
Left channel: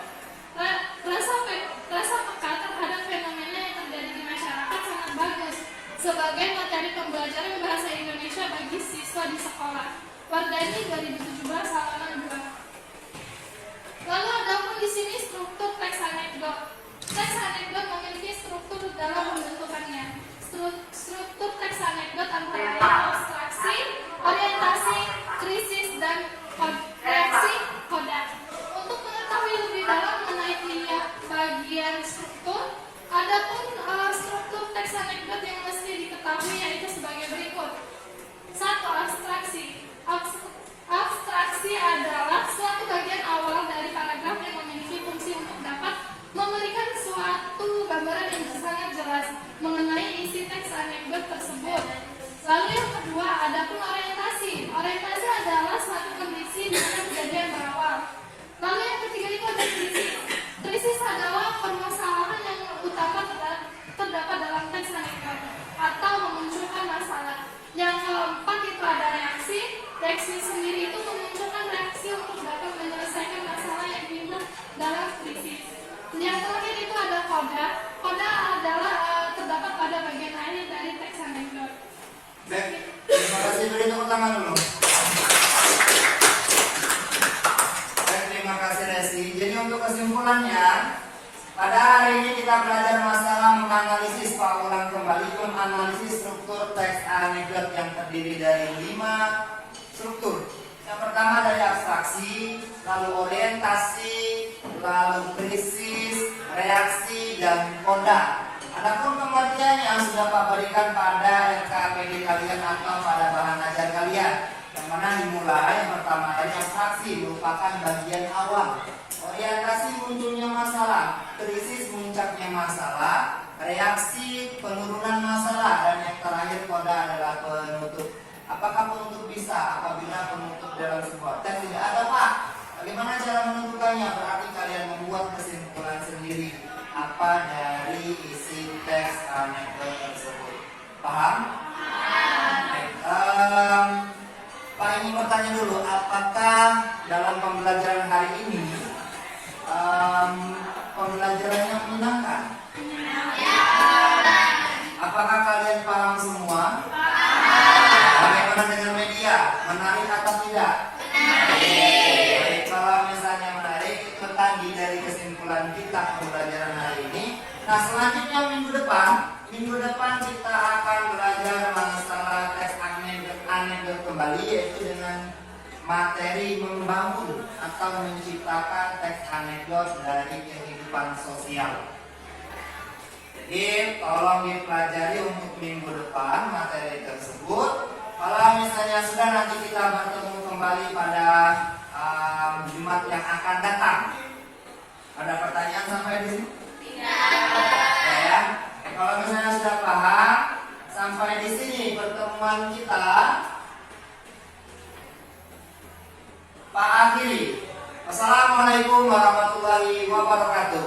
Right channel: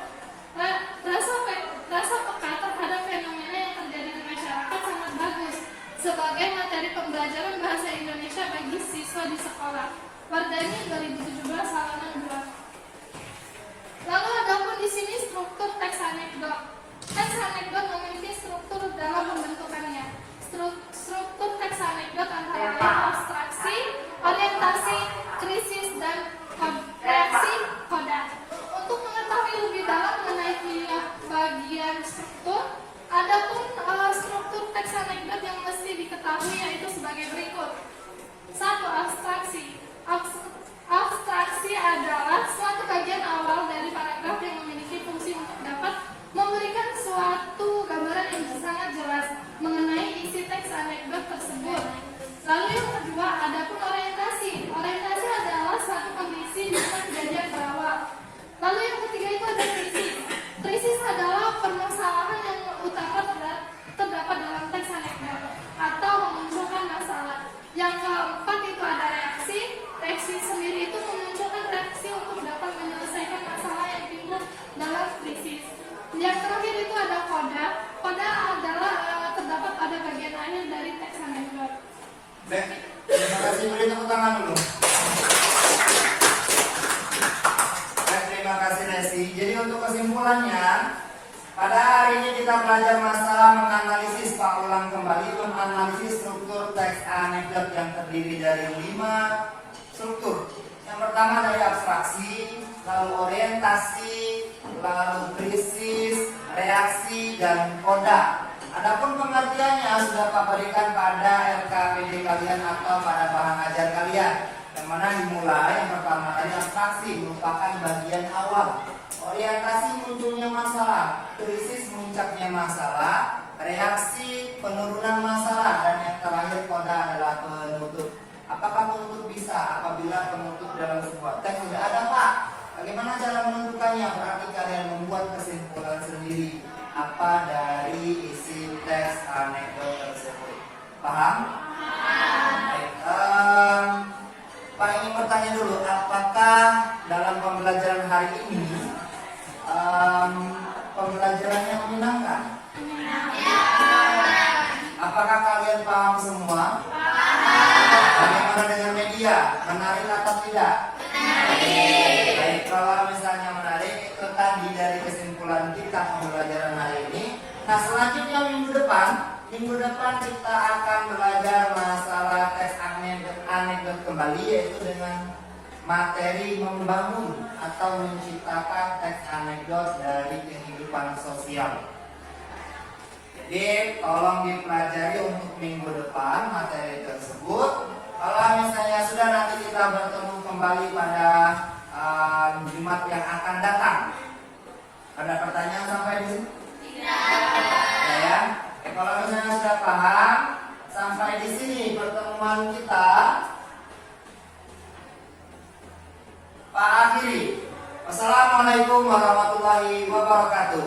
Rasa peka terhadap fenomena yang terjadi di masyarakat sangat bagus sebagai materi pembelajaran bahasa Indonesia bagi siswa di sekolah. Wardani 2017 halaman 2. Lalu ada pun di sini struktur teks anekdot. Teks anekdot memiliki struktur dalam pembentukannya. Struktur teks anekdot antara lain abstraksi, orientasi, krisis, dan reaksi koda. Untuk mengetahui lebih dalam mengenai tiap bagian struktur, ada pun struktur teks anekdot yang mesti diketahui yaitu sebagai berikut. 1. Abstraksi. Abstraksi adalah suatu bagian awal dari paragraf yang memiliki fungsi untuk dapat memberikan suatu gambaran yang sangat jelas mengenai isi teks anekdot tersebut. Lalu yang kedua, ada pun orientasi. Orientasi adalah suatu kondisi dan kejadian berawal. Lalu yang ketiga itu ada krisis. Krisis adalah permasalahan yang utama terdapat dalam teks anekdot atau memunculkan masalah. Yang keempat itu ada reaksi. Reaksi sendiri itu memunculkan reaksi untuk dapat menyelesaikan masalah yang timbul dalam krisis. Yang terakhir itu ada koda. Koda adalah terdapat pada bagian akhir dari teks anekdot. Baik, terima kasih. Beri tepuk tangan dulu. Baik, terima kasih Resi. Jadi untuk kesimpulannya, pada hari ini kita belajar masalah menganalisis, Pak ulang kembali, menganalisis struktur teks anekdot yang terdiri dari 5 struktur. Yang pertama dari abstraksi, lalu orientasi, lalu krisis, reaksi, dan koda. Adapun pengertiannya sudah Pak berikan pada RKPD kalian atau pada bahan ajar kalian. Yang mana dimulai yang pertama dari abstraksi merupakan bagian awal. Orientasi munculnya masalah, krisis mengincapnya masalah, reaksi penurunan masalah, dan yang terakhir koda adalah penutup. Apakah penutup bisa apabila penutup dalam sebuah teks tidak ada, Pak? Bagaimana cara menentukannya? Berarti kalian membuat kesimpulan sendiri apa dari isi teks anekdot tersebut. Paham? Pak ingin bertanya dulu, apakah dalam pembelajaran hari ini pembelajarannya menyenangkan? Apakah kalian paham semua? Bagaimana dengan media? Menarik atau tidak? Baik, kalau misalnya menarik, itu tadi dari kesimpulan kita pembelajaran hari ini. Nah, selanjutnya minggu depan kita akan belajar masalah teks anekdot kembali, yaitu dengan materi membangun atau menciptakan teks anekdot dari kehidupan sosial. Jadi tolong dipelajari untuk minggu depan materi tersebut. Kalau misalnya sudah, nanti kita bertemu kembali pada Jumat yang akan datang. Ada pertanyaan sampai di sini? Tidak. Ya. Kalau misalnya sudah paham sampai di sini pertemuan kita, Pak akhiri. Wassalamualaikum warahmatullahi wabarakatuh.